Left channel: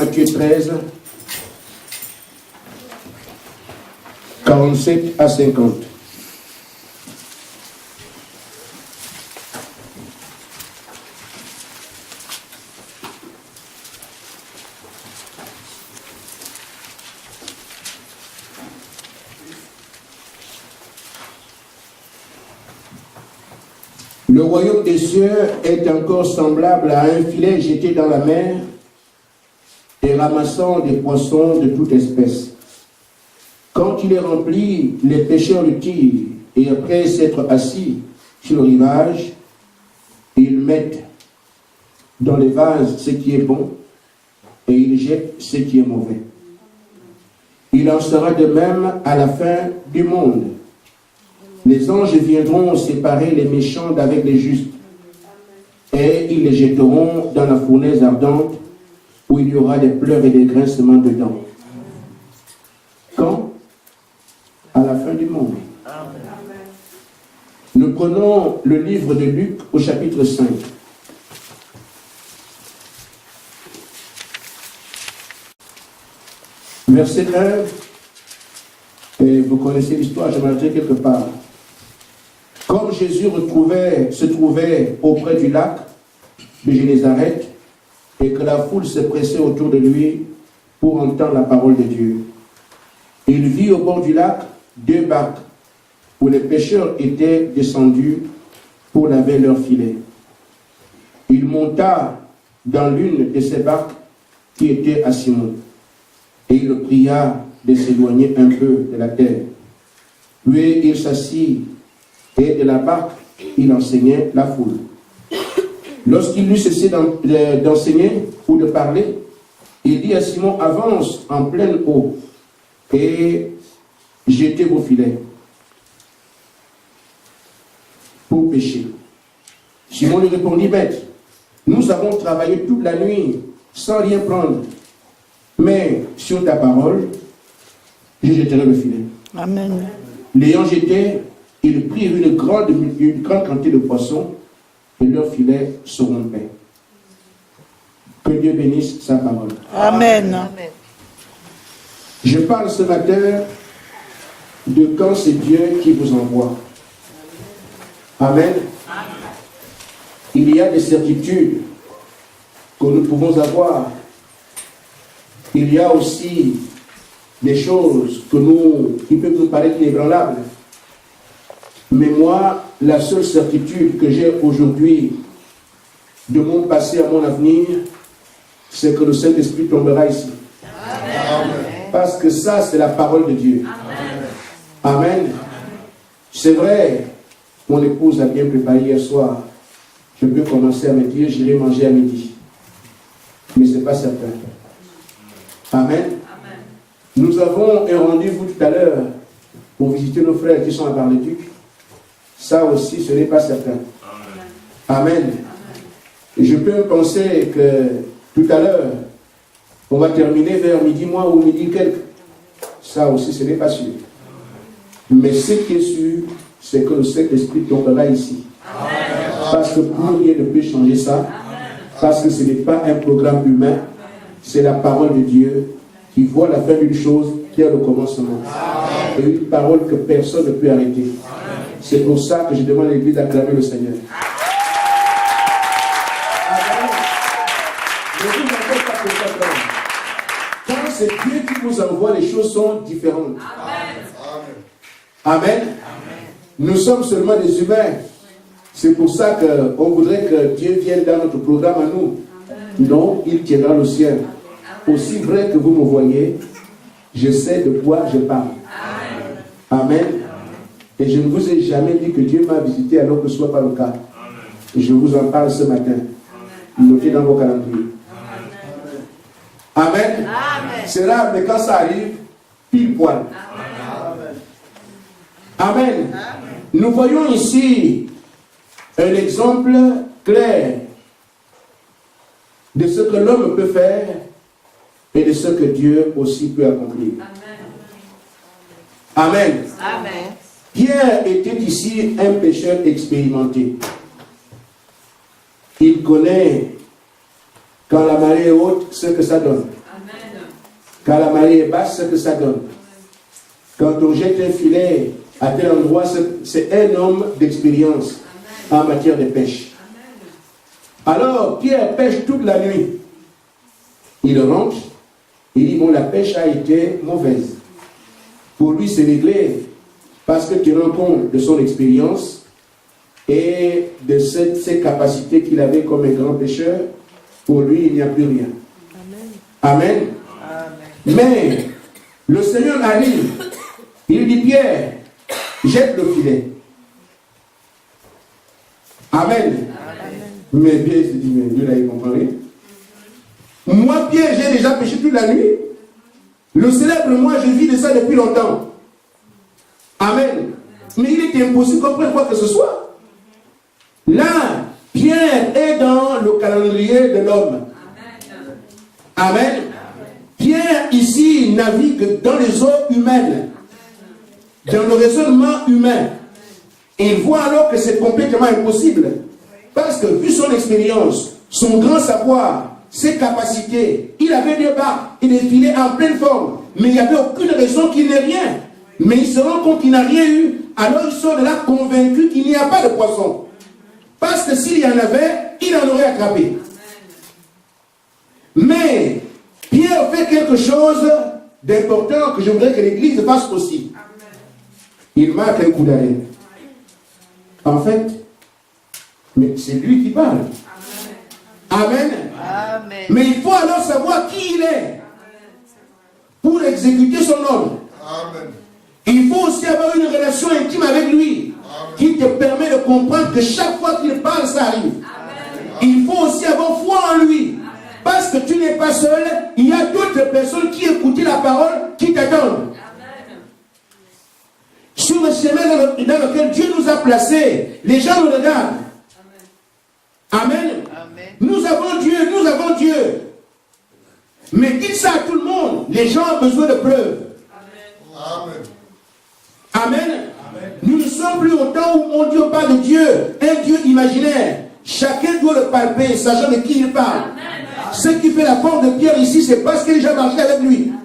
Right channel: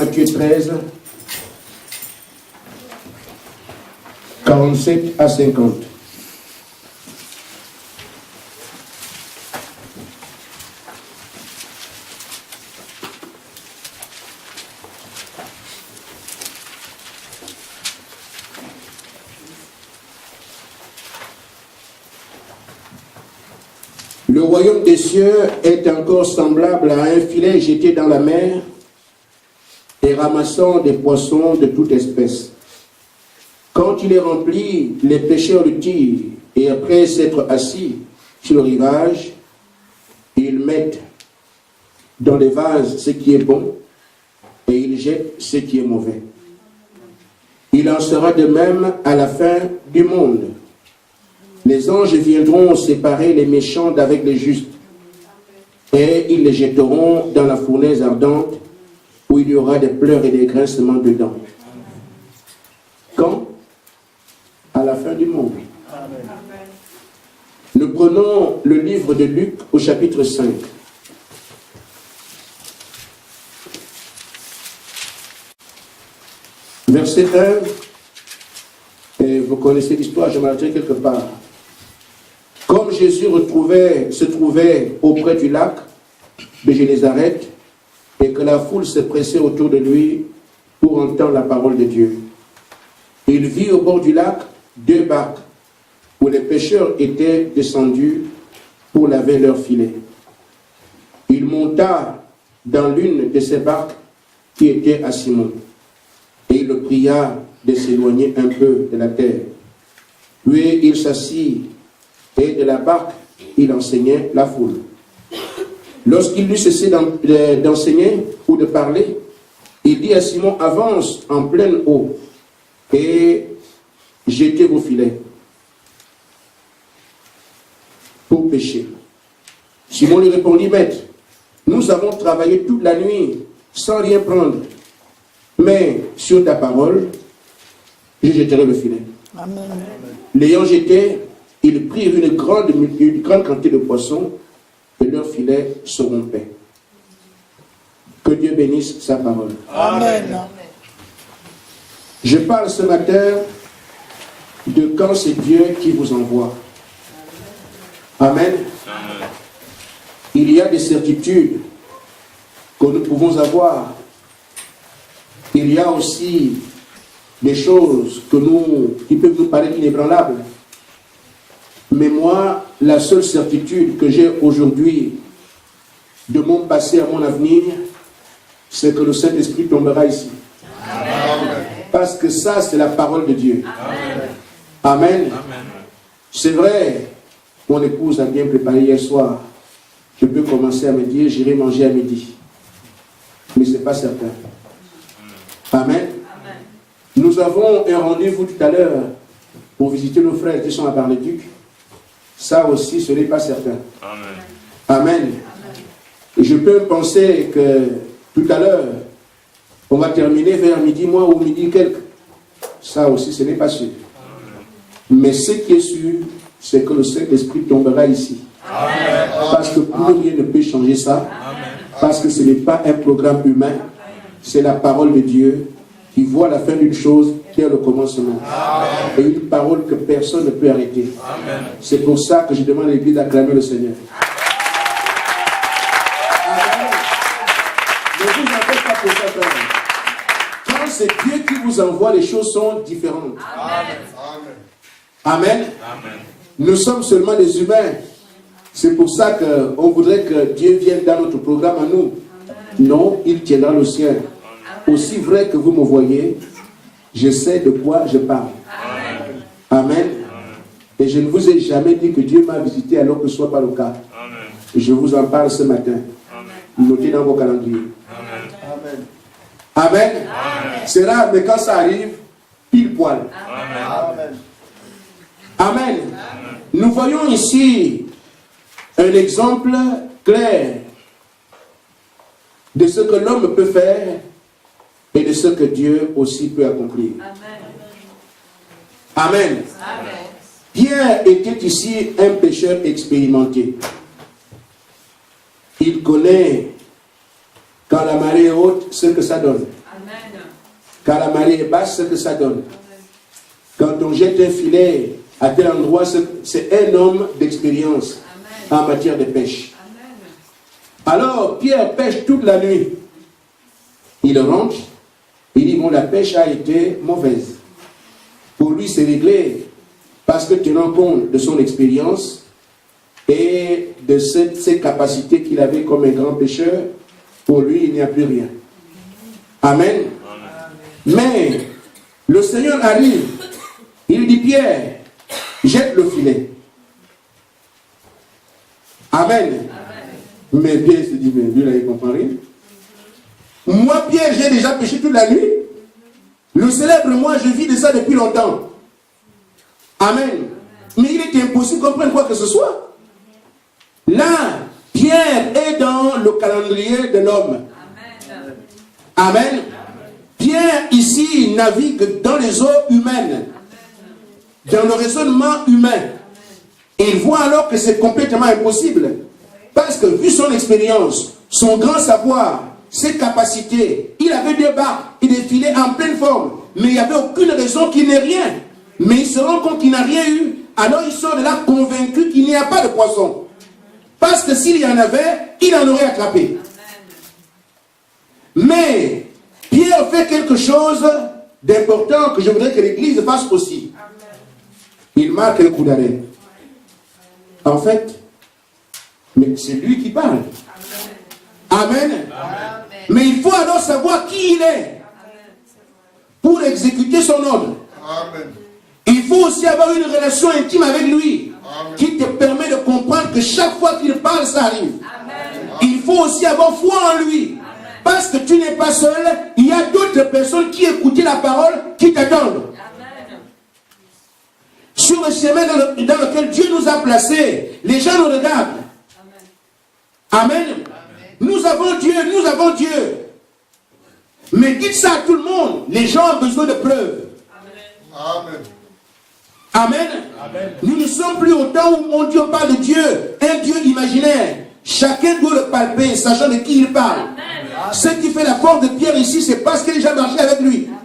Matthieu 13, 47 à 50. Le royaume des cieux est encore semblable à un filet jeté dans la mer et ramassant des poissons de toute espèce. Quand il est rempli, les pêcheurs le tirent et après s'être assis sur le rivage, ils mettent dans les vases ce qui est bon et ils jettent ce qui est mauvais. Il en sera de même à la fin du monde. Les anges viendront séparer les méchants d'avec les justes et ils les jetteront dans la fournaise ardente où il y aura des pleurs et des grincements de dents. Quand? À la fin du monde. Nous prenons le livre de Luc au chapitre 5. Verset 1, et vous connaissez l'histoire, je m'arrêterai quelque part. Comme Jésus se trouvait auprès du lac de Génézareth et que la foule se pressait autour de lui pour entendre la parole de Dieu, il vit au bord du lac 2 barques où les pêcheurs étaient descendus pour laver leurs filets. Il monta dans l'une de ces barques qui était à Simon et il le pria de s'éloigner un peu de la terre. Puis il s'assit et de la barque, il enseignait la foule. Lorsqu'il eut cessé d'enseigner ou de parler, il dit à Simon, avance en pleine eau et jetez vos filets pour pêcher. Simon lui répondit, maître, nous avons travaillé toute la nuit sans rien prendre, mais sur ta parole, je jetterai le filet. Amen. L'ayant jeté, ils prirent une grande quantité de poissons et leurs filets se rompaient. Que Dieu bénisse sa parole. Amen. Je parle ce matin de quand c'est Dieu qui vous envoie. Amen. Il y a des certitudes que nous pouvons avoir. Il y a aussi des choses qui peuvent nous paraître inébranlables. Mais moi, la seule certitude que j'ai aujourd'hui de mon passé à mon avenir, c'est que le Saint-Esprit tombera ici. Amen. Parce que ça, c'est la parole de Dieu. Amen. Amen. C'est vrai, mon épouse a bien préparé hier soir. Je peux commencer à me dire, j'irai manger à midi. Mais ce n'est pas certain. Amen. Amen. Nous avons un rendez-vous tout à l'heure pour visiter nos frères qui sont à Bar-le-Duc. Ça aussi, ce n'est pas certain. Amen. Amen. Et je peux penser que tout à l'heure, on va terminer vers midi moins ou midi quelques. Ça aussi, ce n'est pas sûr. Mais ce qui est sûr, c'est que le Saint-Esprit tombera ici. Amen. Parce que plus rien ne peut changer ça. Amen. Parce que ce n'est pas un programme humain. C'est la parole de Dieu qui voit la fin d'une chose dès le commencement. Amen. Et une parole que personne ne peut arrêter. Amen. C'est pour ça que je demande à l'Église d'acclamer le Seigneur. Amen. Ne vous en faites pas pour ça. Quand c'est Dieu qui vous envoie, les choses sont différentes. Amen. Amen. Amen. Nous sommes seulement des humains. C'est pour ça qu'on voudrait que Dieu vienne dans notre programme à nous. Non, il tiendra le ciel. Aussi vrai que vous me voyez, je sais de quoi je parle. Amen. Amen. Et je ne vous ai jamais dit que Dieu m'a visité alors que ce ne soit pas le cas. Je vous en parle ce matin. Notez dans vos calendriers. Amen. Amen. Amen. C'est rare, mais quand ça arrive, pile poil. Amen. Amen. Nous voyons ici un exemple clair de ce que l'homme peut faire et de ce que Dieu aussi peut accomplir. Amen. Amen. Amen. Pierre était ici un pécheur expérimenté. Il connaît, quand la marée est haute, ce que ça donne. Quand la marée est basse, c'est ce que ça donne. Quand on jette un filet à tel endroit, c'est un homme d'expérience en matière de pêche. Alors, Pierre pêche toute la nuit. Il rentre, il dit, bon, la pêche a été mauvaise. Pour lui, c'est réglé, parce que tenant compte de son expérience et de ses capacités qu'il avait comme un grand pêcheur, pour lui, il n'y a plus rien. Amen. Mais le Seigneur arrive, il dit, Pierre, jette le filet. Amen. Mais Pierre se dit, mais Dieu là, il ne comprend rien. Moi, Pierre, j'ai déjà péché toute la nuit. Le célèbre, moi, je vis de ça depuis longtemps. Amen. Mais il est impossible qu'on prenne quoi que ce soit. Là, Pierre est dans le calendrier de l'homme. Amen. Pierre, ici, navigue dans les eaux humaines, dans le raisonnement humain. Et il voit alors que c'est complètement impossible. Parce que, vu son expérience, son grand savoir, ses capacités, il avait des barques et des filets en pleine forme. Mais il n'y avait aucune raison qu'il n'ait rien. Mais il se rend compte qu'il n'a rien eu. Alors il sort de là convaincu qu'il n'y a pas de poisson. Parce que s'il y en avait, il en aurait attrapé. Mais Pierre fait quelque chose d'important que je voudrais que l'Église fasse aussi. Il marque un coup d'arrêt. En fait, mais c'est lui qui parle. Amen. Mais il faut alors savoir qui il est pour exécuter son ordre. Amen. Il faut aussi avoir une relation intime avec lui. Amen. Qui te permet de comprendre que chaque fois qu'il parle, ça arrive. Amen. Il faut aussi avoir foi en lui. Amen. Parce que tu n'es pas seul, il y a d'autres personnes qui écoutent la parole, qui t'attendent. Amen. Sur le chemin dans lequel Dieu nous a placés, les gens nous regardent. Amen. Amen. Nous avons Dieu, nous avons Dieu. Mais dites ça à tout le monde. Les gens ont besoin de preuves. Amen. Amen. Amen. Nous ne sommes plus au temps où on dit on parle de Dieu, un Dieu imaginaire. Chacun doit le palper, sachant de qui il parle. Amen. Ce qui fait la force de Pierre ici, c'est parce qu'il a déjà marché avec lui. Amen.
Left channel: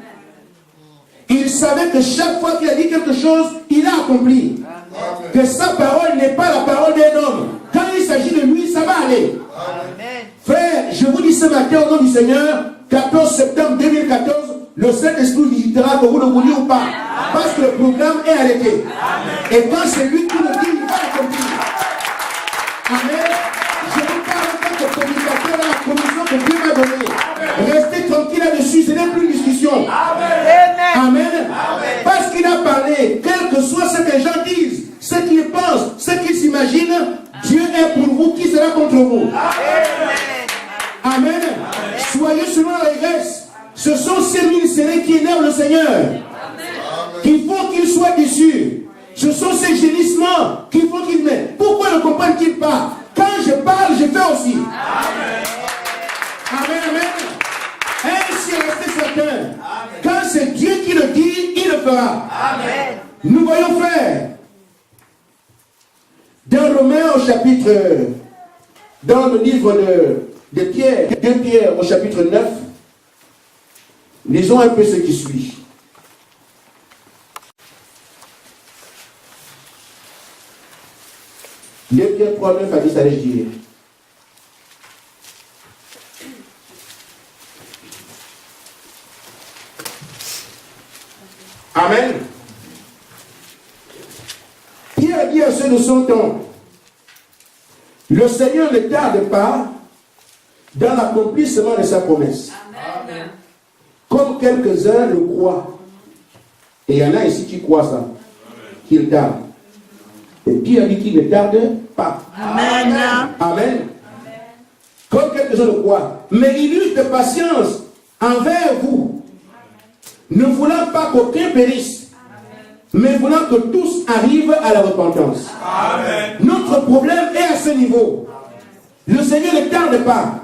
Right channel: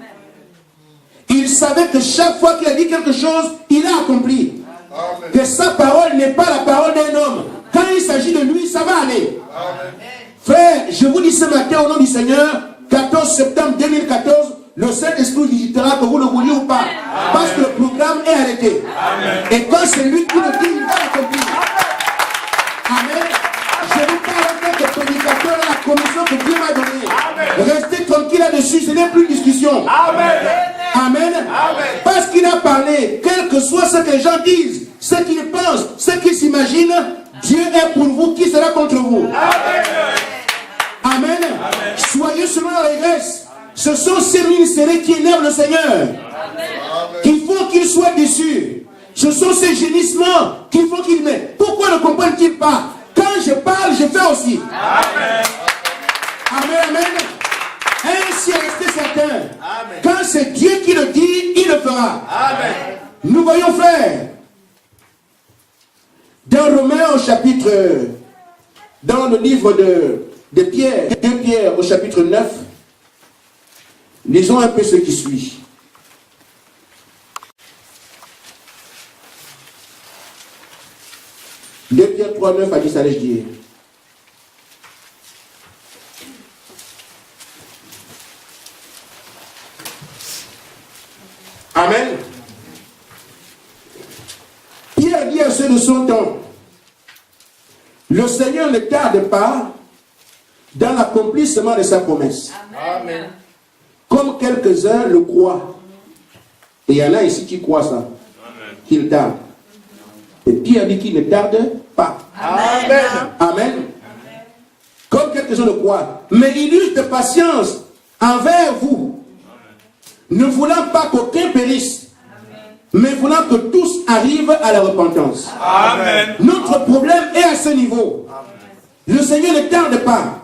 Il savait que chaque fois qu'il a dit quelque chose, il a accompli. Amen. Que sa parole n'est pas la parole d'un homme. Quand il s'agit de lui, ça va aller. Amen. Frère, je vous dis ce matin au nom du Seigneur, 14 septembre 2014, le Saint-Esprit visitera que vous le vouliez ou pas. Amen. Parce que le programme est arrêté. Amen. Et quand c'est lui qui le dit, il va l'accomplir. Amen. Je vous parle en tant que prédicateur à la commission que Dieu m'a donnée. Restez tranquille là-dessus, ce n'est plus une discussion. Amen. Amen. Amen. Parce qu'il a parlé, quel que soit ce que les gens disent, ce qu'ils pensent, ce qu'ils s'imaginent, Dieu est pour vous, qui sera contre vous. Amen. Amen. Soyez selon la régresse. Ce sont ces ministères qui énervent le Seigneur, qui font qu'il soit déçu. Ce sont ces gémissements qui font qu'il met. Pourquoi ne comprennent-ils pas? Quand je parle, je fais aussi. Amen. Amen. Ainsi restez certains. Quand c'est Dieu qui le dit, il le fera. Amen. Nous voyons frère. Dans Romains au chapitre, dans le livre de Pierre, 2 Pierre au chapitre 9, lisons un peu ce qui suit. De Pierre 3, 9 à 10, allez-je dire. Amen. Pierre dit à ceux de son temps, le Seigneur ne tarde pas dans l'accomplissement de sa promesse. Amen. Comme quelques-uns le croient. Et il y en a ici qui croient ça. Qu'il tarde. Et Pierre dit qu'il ne tarde pas. Amen. Amen. Comme quelques-uns le croient. Mais il use de patience envers vous. Ne voulant pas qu'aucun périsse. Mais voulant que tous arrivent à la repentance. Amen. Notre problème est à ce niveau. Le Seigneur ne tarde pas.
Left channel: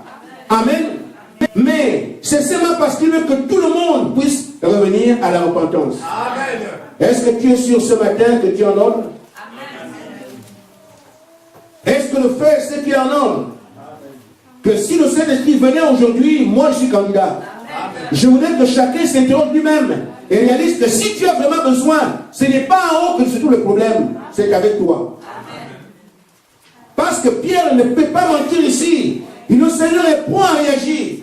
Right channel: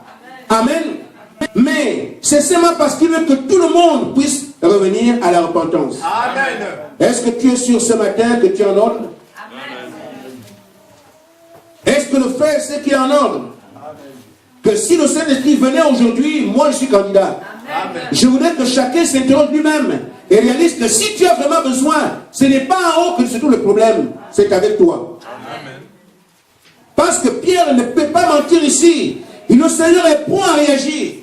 Amen. Mais c'est seulement parce qu'il veut que tout le monde puisse revenir à la repentance. Amen. Est-ce que tu es sûr ce matin que tu es en ordre? Amen. Est-ce que le frère sait qu'il est en ordre? Amen. Que si le Saint-Esprit venait aujourd'hui, moi je suis candidat. Amen. Je voudrais que chacun s'interroge lui-même et réalise que si tu as vraiment besoin, ce n'est pas en haut que se trouve le problème, c'est avec toi. Parce que Pierre ne peut pas mentir ici. Et le Seigneur est prompt à réagir.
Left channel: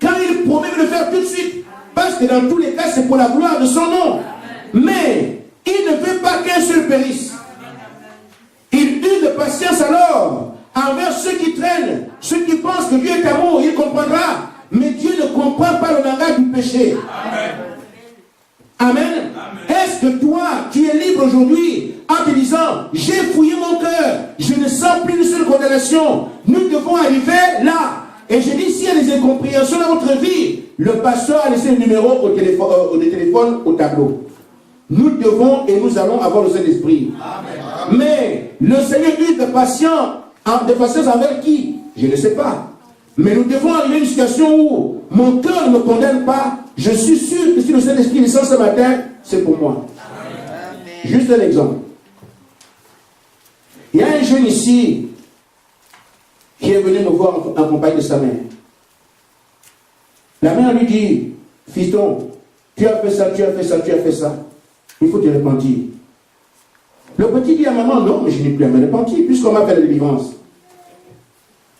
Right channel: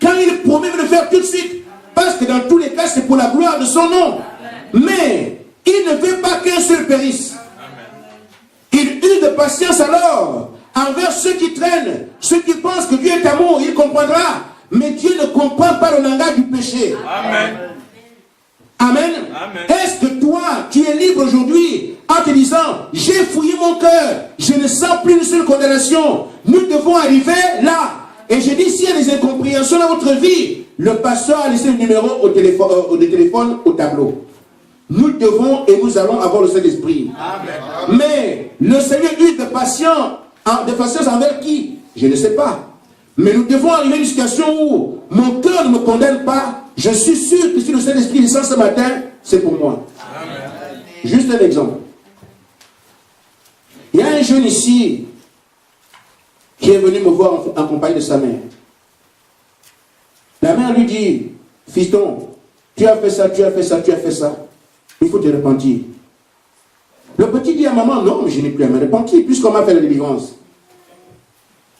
Quand il promet de le faire tout de suite. Parce que dans tous les cas, c'est pour la gloire de son nom. Mais il ne veut pas qu'un seul périsse. Il eut de patience alors envers ceux qui traînent, ceux qui pensent que Dieu est amour, il comprendra. Mais Dieu ne comprend pas le langage du péché. Amen. Amen. Amen. Est-ce que toi, tu es libre aujourd'hui en te disant, j'ai fouillé mon cœur, je ne sens plus une seule condamnation. Nous devons arriver là. Et je dis, s'il y a des incompréhensions dans votre vie, le pasteur a laissé le numéro au téléphone au tableau. Nous devons et nous allons avoir le Saint-Esprit. Mais le Seigneur eut de patience envers qui? Je ne sais pas. Mais nous devons arriver à une situation où mon cœur ne me condamne pas. Je suis sûr que si le Saint-Esprit descend ce matin, c'est pour moi. Amen. Juste un exemple. Il y a un jeune ici qui est venu me voir en compagnie de sa mère. La mère lui dit, fiston, tu as fait ça, tu as fait ça, tu as fait ça. Il faut te repentir. Le petit dit à maman, non, mais je n'ai plus à me repentir puisqu'on m'a fait la délivrance.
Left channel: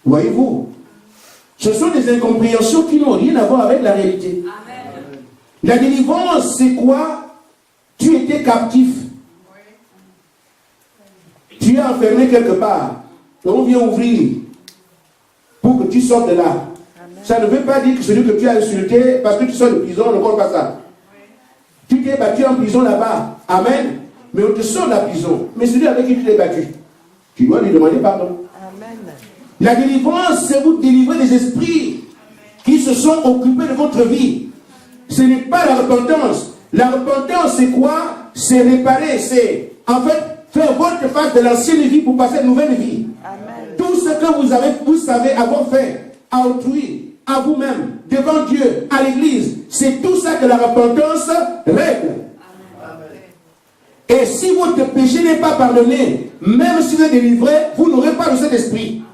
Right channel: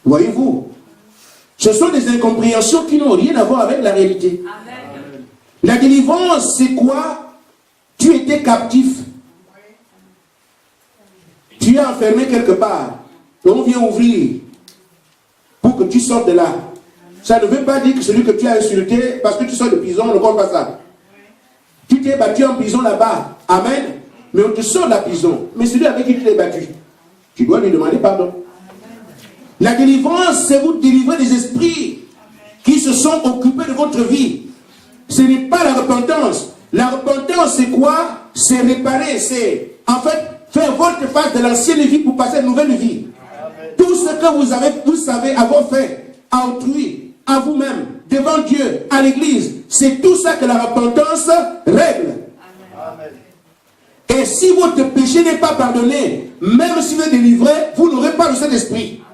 Voyez-vous, ce sont des incompréhensions qui n'ont rien à voir avec la réalité. Amen. La délivrance, c'est quoi? Tu étais captif. Tu es enfermé quelque part. Et on vient ouvrir pour que tu sortes de là. Ça ne veut pas dire que celui que tu as insulté, parce que tu sors de prison, on ne compte pas ça. Tu t'es battu en prison là-bas. Amen. Mais on te sort de la prison. Mais celui avec qui tu t'es battu, tu dois lui demander pardon. Amen. La délivrance, c'est vous délivrer des esprits qui se sont occupés de votre vie. Ce n'est pas la repentance. La repentance, c'est quoi? C'est réparer. C'est, en fait, faire volte-face de l'ancienne vie pour passer à une nouvelle vie. Amen. Tout ce que vous savez avoir fait à autrui, à vous-même, devant Dieu, à l'église, c'est tout ça que la repentance règle. Amen. Et si votre péché n'est pas pardonné, même si vous êtes délivré, vous n'aurez pas le Saint-Esprit.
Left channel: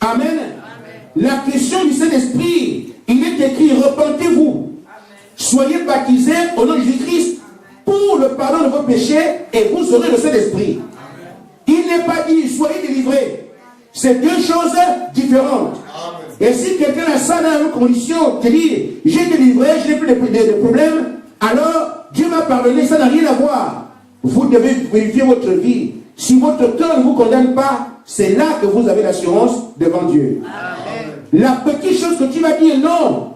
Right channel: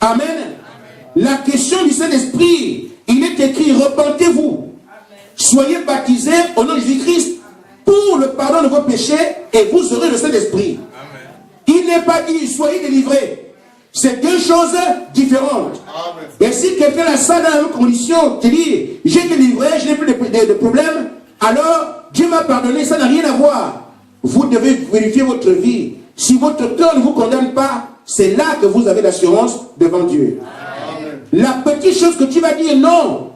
Amen. Amen. La question du Saint-Esprit, il est écrit, repentez-vous, soyez baptisés au nom de Jésus-Christ pour le pardon de vos péchés et vous aurez le Saint-Esprit. Il n'est pas dit, soyez délivrés. C'est deux choses différentes. Amen. Et si quelqu'un a ça dans une condition, te dit, j'ai été délivré, je n'ai plus de problème, alors Dieu m'a pardonné, ça n'a rien à voir. Vous devez vérifier votre vie. Si votre cœur ne vous condamne pas, c'est là que vous avez l'assurance devant Dieu. Amen. La petite chose que tu vas dire, non,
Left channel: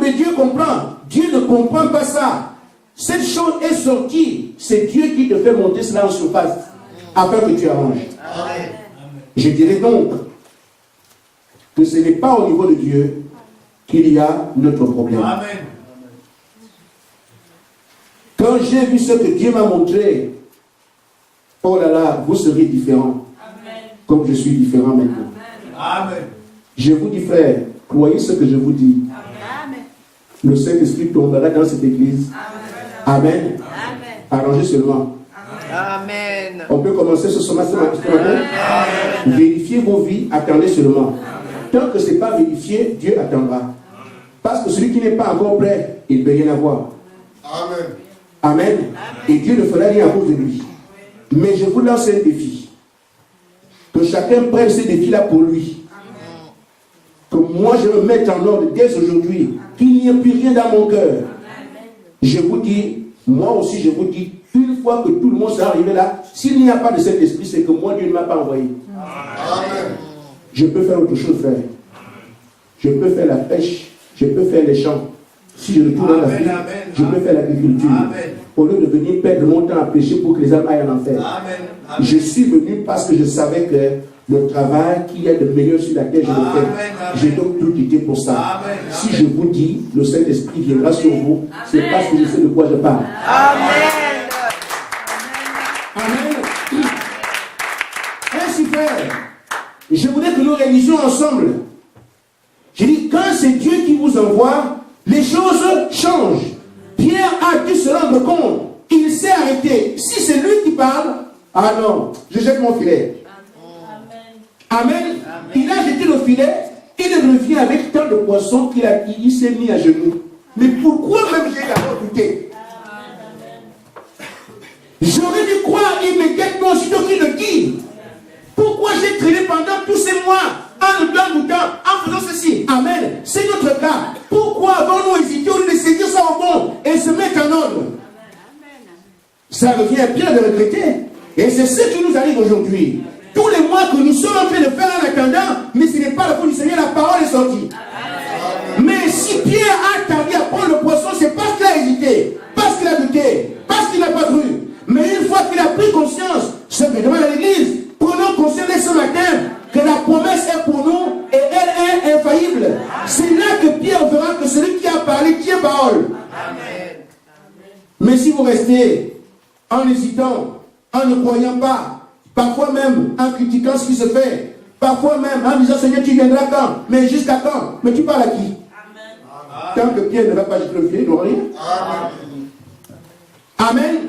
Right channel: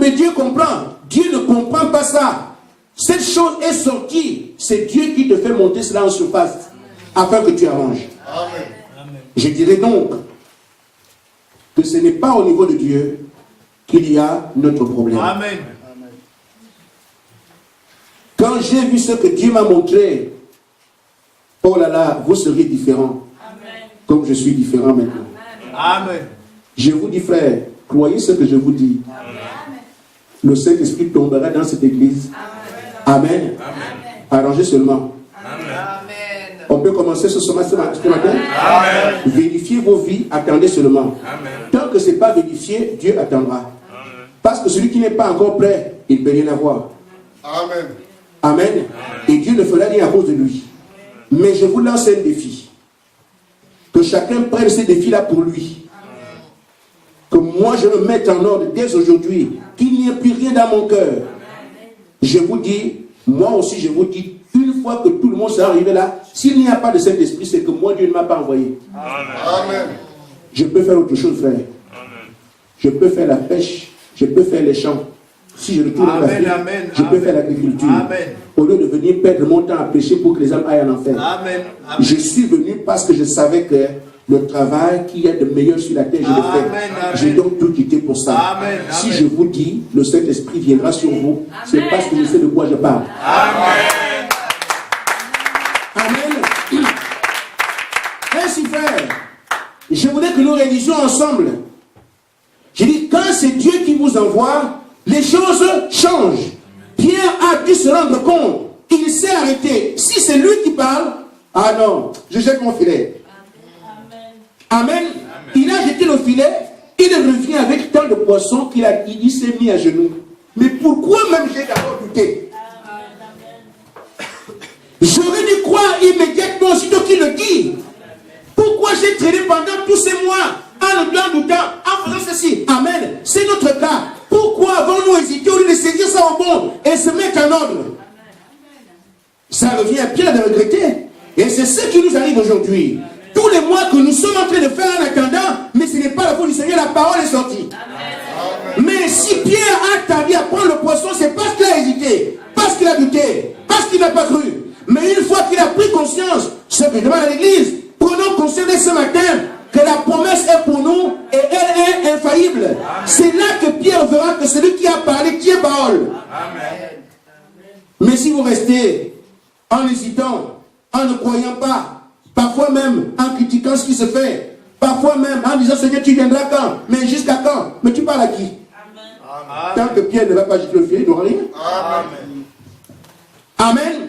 mais Dieu comprend. Dieu ne comprend pas ça. Cette chose est sortie. C'est Dieu qui te fait monter cela en surface afin que tu arranges. Amen. Je dirais donc que ce n'est pas au niveau de Dieu qu'il y a notre problème. Amen. Quand j'ai vu ce que Dieu m'a montré, oh là là, vous serez différents. Amen. Comme je suis différent maintenant. Amen. Je vous dis, frère, croyez ce que je vous dis. Amen. Le Saint-Esprit tombera dans cette église. Amen. Amen. Amen. Arrangez seulement. Amen. On peut commencer ce matin. Amen. Vérifiez vos vies, attendez seulement. Amen. Tant que ce n'est pas vérifié, Dieu attendra. Amen. Parce que celui qui n'est pas encore prêt, il ne peut rien avoir. Amen. Amen. Et Dieu ne fera rien à cause de lui. Mais je vous lance un défi. Que chacun prenne ces défis-là pour lui. Que moi je me mette en ordre dès aujourd'hui. Qu'il n'y ait plus rien dans mon cœur. Je vous dis, moi aussi je vous dis, une fois que tout le monde sera arrivé là, s'il n'y a pas de Saint-Esprit, c'est que moi Dieu ne m'a pas envoyé. Amen. Je peux faire autre chose, frère. Je peux faire la pêche. Je peux faire les champs. Si je retourne en Afrique, je peux faire l'agriculture. Au lieu de venir perdre mon temps à prêcher pour que les âmes aillent en enfer. Amen. Amen. Je suis venu parce que je savais que le travail qui est de meilleur sur la terre, je le fais. J'ai donc tout quitté pour ça. Amen. Si je vous dis, le Saint-Esprit viendra sur vous, c'est parce que je sais de quoi je parle. Amen. Amen. Ainsi, frère, je voudrais que nous réalisions ensemble. Je dis, quand c'est Dieu qui vous envoie, les choses changent. Pierre a dû se rendre compte. Il s'est arrêté. Si c'est lui qui parle, ah non, je jette mon filet. Amen. Amen. Il a jeté le filet Il revient avec tant de poissons qu'il s'est mis à genoux. Mais pourquoi même j'ai d'abord douté? J'aurais dû croire immédiatement, aussitôt qu'il le dit. Pourquoi j'ai traîné pendant tous ces mois en doutant, en faisant ceci? Amen. C'est notre cas. Pourquoi avons-nous hésité au lieu de saisir ça au bon et se mettre en ordre? Ça revient bien de regretter. Et c'est ce qui nous arrive aujourd'hui. Tous les mois que nous sommes en train de faire en attendant, mais ce n'est pas la faute du Seigneur, la parole est sortie. Mais si Pierre a tardé à prendre le poisson, c'est parce qu'il a hésité, parce qu'il a douté, parce qu'il n'a pas cru. Mais une fois qu'il a pris conscience, ce que je demande à l'église, prenons conscience dès ce matin que la promesse est pour nous et elle est infaillible. C'est là que Pierre verra que celui qui a parlé tient parole. Mais si vous restez en hésitant, en ne croyant pas, parfois même en critiquant ce qui se fait, parfois même en disant Seigneur tu viendras quand? Mais jusqu'à quand? Mais tu parles à qui? Amen. Tant que Pierre ne va pas jeter le filet, il n'aura rien. Amen. Amen.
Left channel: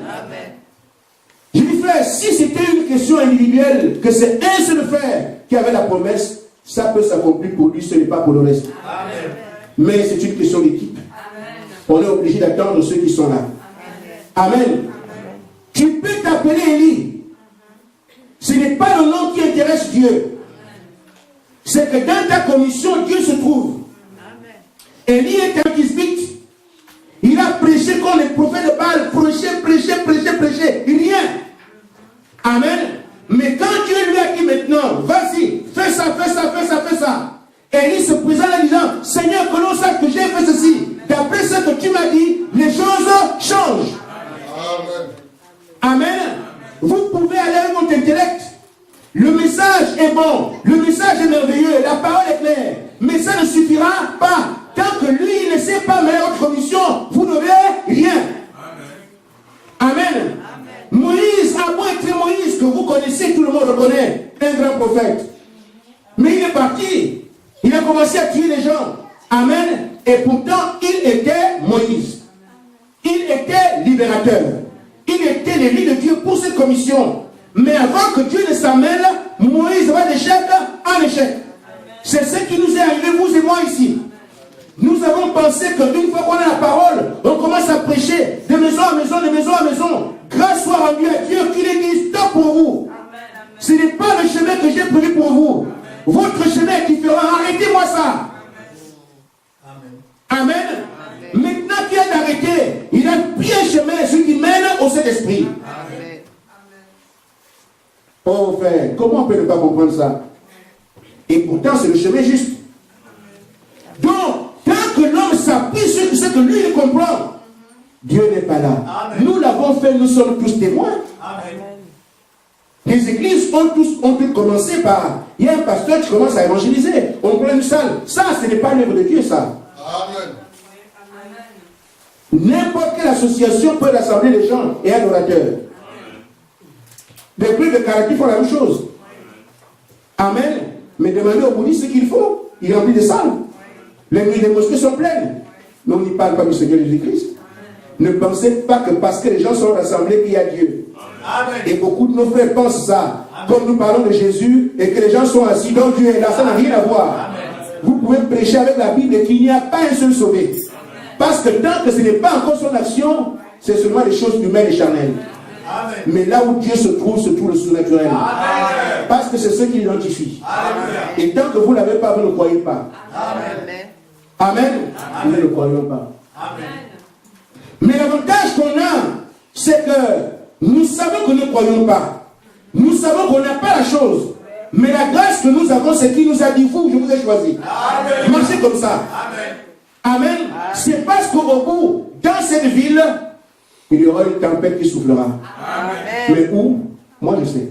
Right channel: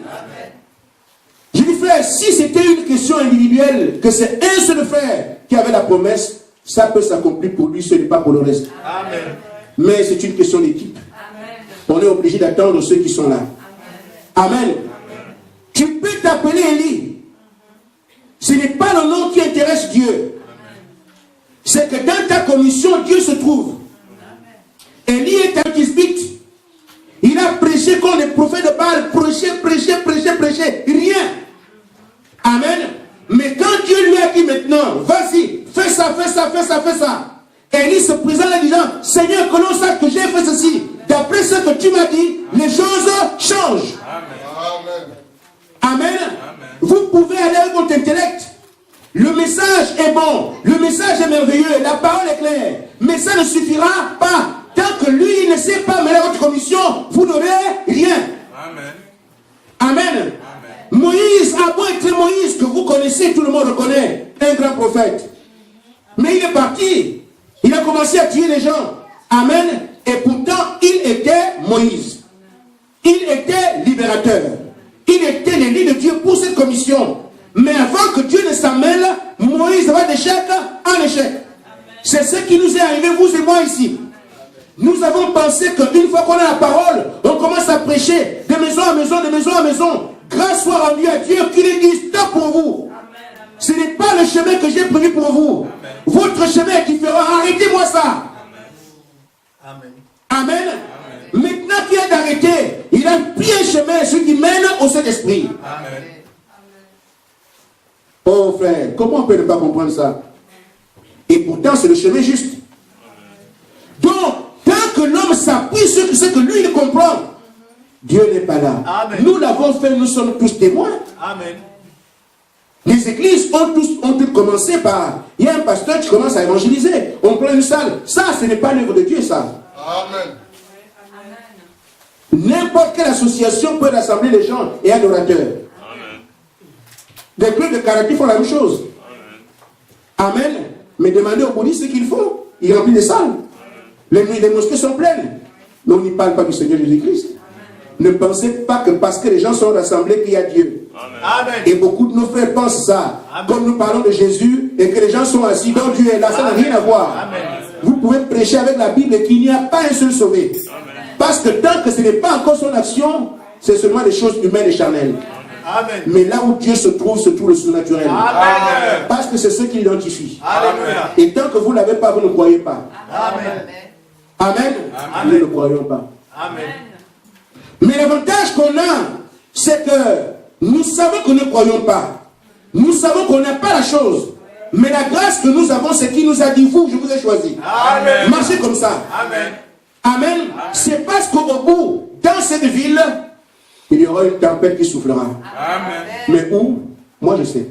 Je dis frère, si c'était une question individuelle, que c'est un seul frère qui avait la promesse, ça peut s'accomplir pour lui, ce n'est pas pour le reste. Amen. Mais c'est une question d'équipe. On est obligé d'attendre ceux qui sont là. Amen. Amen. Tu peux t'appeler Élie. Ce n'est pas le nom qui intéresse Dieu. C'est que dans ta commission, Dieu se trouve. Élie est un tisbite. Il a prêché comme les prophètes de Baal. Prêché. Rien. Amen. Mais quand Dieu lui a dit maintenant, vas-y, fais ça. Élie se présente en disant, Seigneur, que l'on sache que j'ai fait ceci. D'après ce que tu m'as dit, les choses changent. Amen. Vous pouvez aller avec votre intellect. Le message est bon. Le message est merveilleux. La parole est claire. Mais ça ne suffira pas. Tant que lui ne sait pas mener votre commission, vous n'aurez rien. Amen. Amen. Moïse a beau être Moïse, que vous connaissez, tout le monde reconnaît. Un grand prophète. Mais il est parti. Il a commencé à tuer les gens. Amen. Et pourtant, il était Moïse. Il était libérateur. Il était l'élu de Dieu pour cette commission. Mais avant que Dieu ne s'en mêle, Moïse va d'échec en échec. C'est ce qui nous est arrivé, vous et moi ici. Nous avons pensé qu'une fois qu'on a la parole, on commence à prêcher de maison à maison, de maison à maison. Grâce soit rendue à Dieu qui lui dit stop pour vous. Ce n'est pas le chemin que j'ai prévu pour vous. Votre chemin est différent. Arrêtez-moi ça. Amen. Maintenant qu'il a d'arrêter, il a pris un chemin, ce qui mène au Saint-Esprit. Oh frère, comment on peut ne pas comprendre ça? Et pourtant, c'est le chemin juste. Donc, tant que l'homme s'appuie sur ce que lui, il comprend, Dieu n'est pas là. Amen. Nous l'avons fait, nous sommes tous témoins. Amen. Les églises ont toutes commencé par... Il y a un pasteur qui commence à évangéliser. On prend une salle. Ça, ce n'est pas l'œuvre de Dieu, ça. Amen. N'importe quelle association peut rassembler les gens et un orateur. Des clubs de karaté font la même chose. Amen. Mais demandez aux bouddhistes ce qu'il faut. Ils remplissent des salles. Les mosquées sont pleines. Mais on n'y parle pas du Seigneur Jésus-Christ. Ne pensez pas que parce que les gens sont rassemblés qu'il y a Dieu. Amen. Et beaucoup de nos frères pensent ça. Amen. Comme nous parlons de Jésus et que les gens sont assis, donc Dieu est là. Ça n'a rien à voir. Amen. Vous pouvez prêcher avec la Bible et qu'il n'y a pas un seul sauvé. Amen. Parce que tant que ce n'est pas encore son action, c'est seulement des choses humaines et charnelles. Amen. Mais là où Dieu se trouve le surnaturel. Amen. Parce que c'est ce qui l'identifie. Et tant que vous ne l'avez pas, vous ne croyez pas. Amen. Amen. Amen. Nous ne croyons pas. Amen. Mais l'avantage qu'on a, c'est que nous savons que nous ne croyons pas. Nous savons qu'on n'a pas la chose. Mais la grâce que nous avons, c'est qu'il nous a dit, vous, je vous ai choisi. Amen. Marchez comme ça. Amen. Amen. C'est parce qu'au bout, dans cette ville, il y aura une tempête qui soufflera. Amen. Mais où? Moi je sais.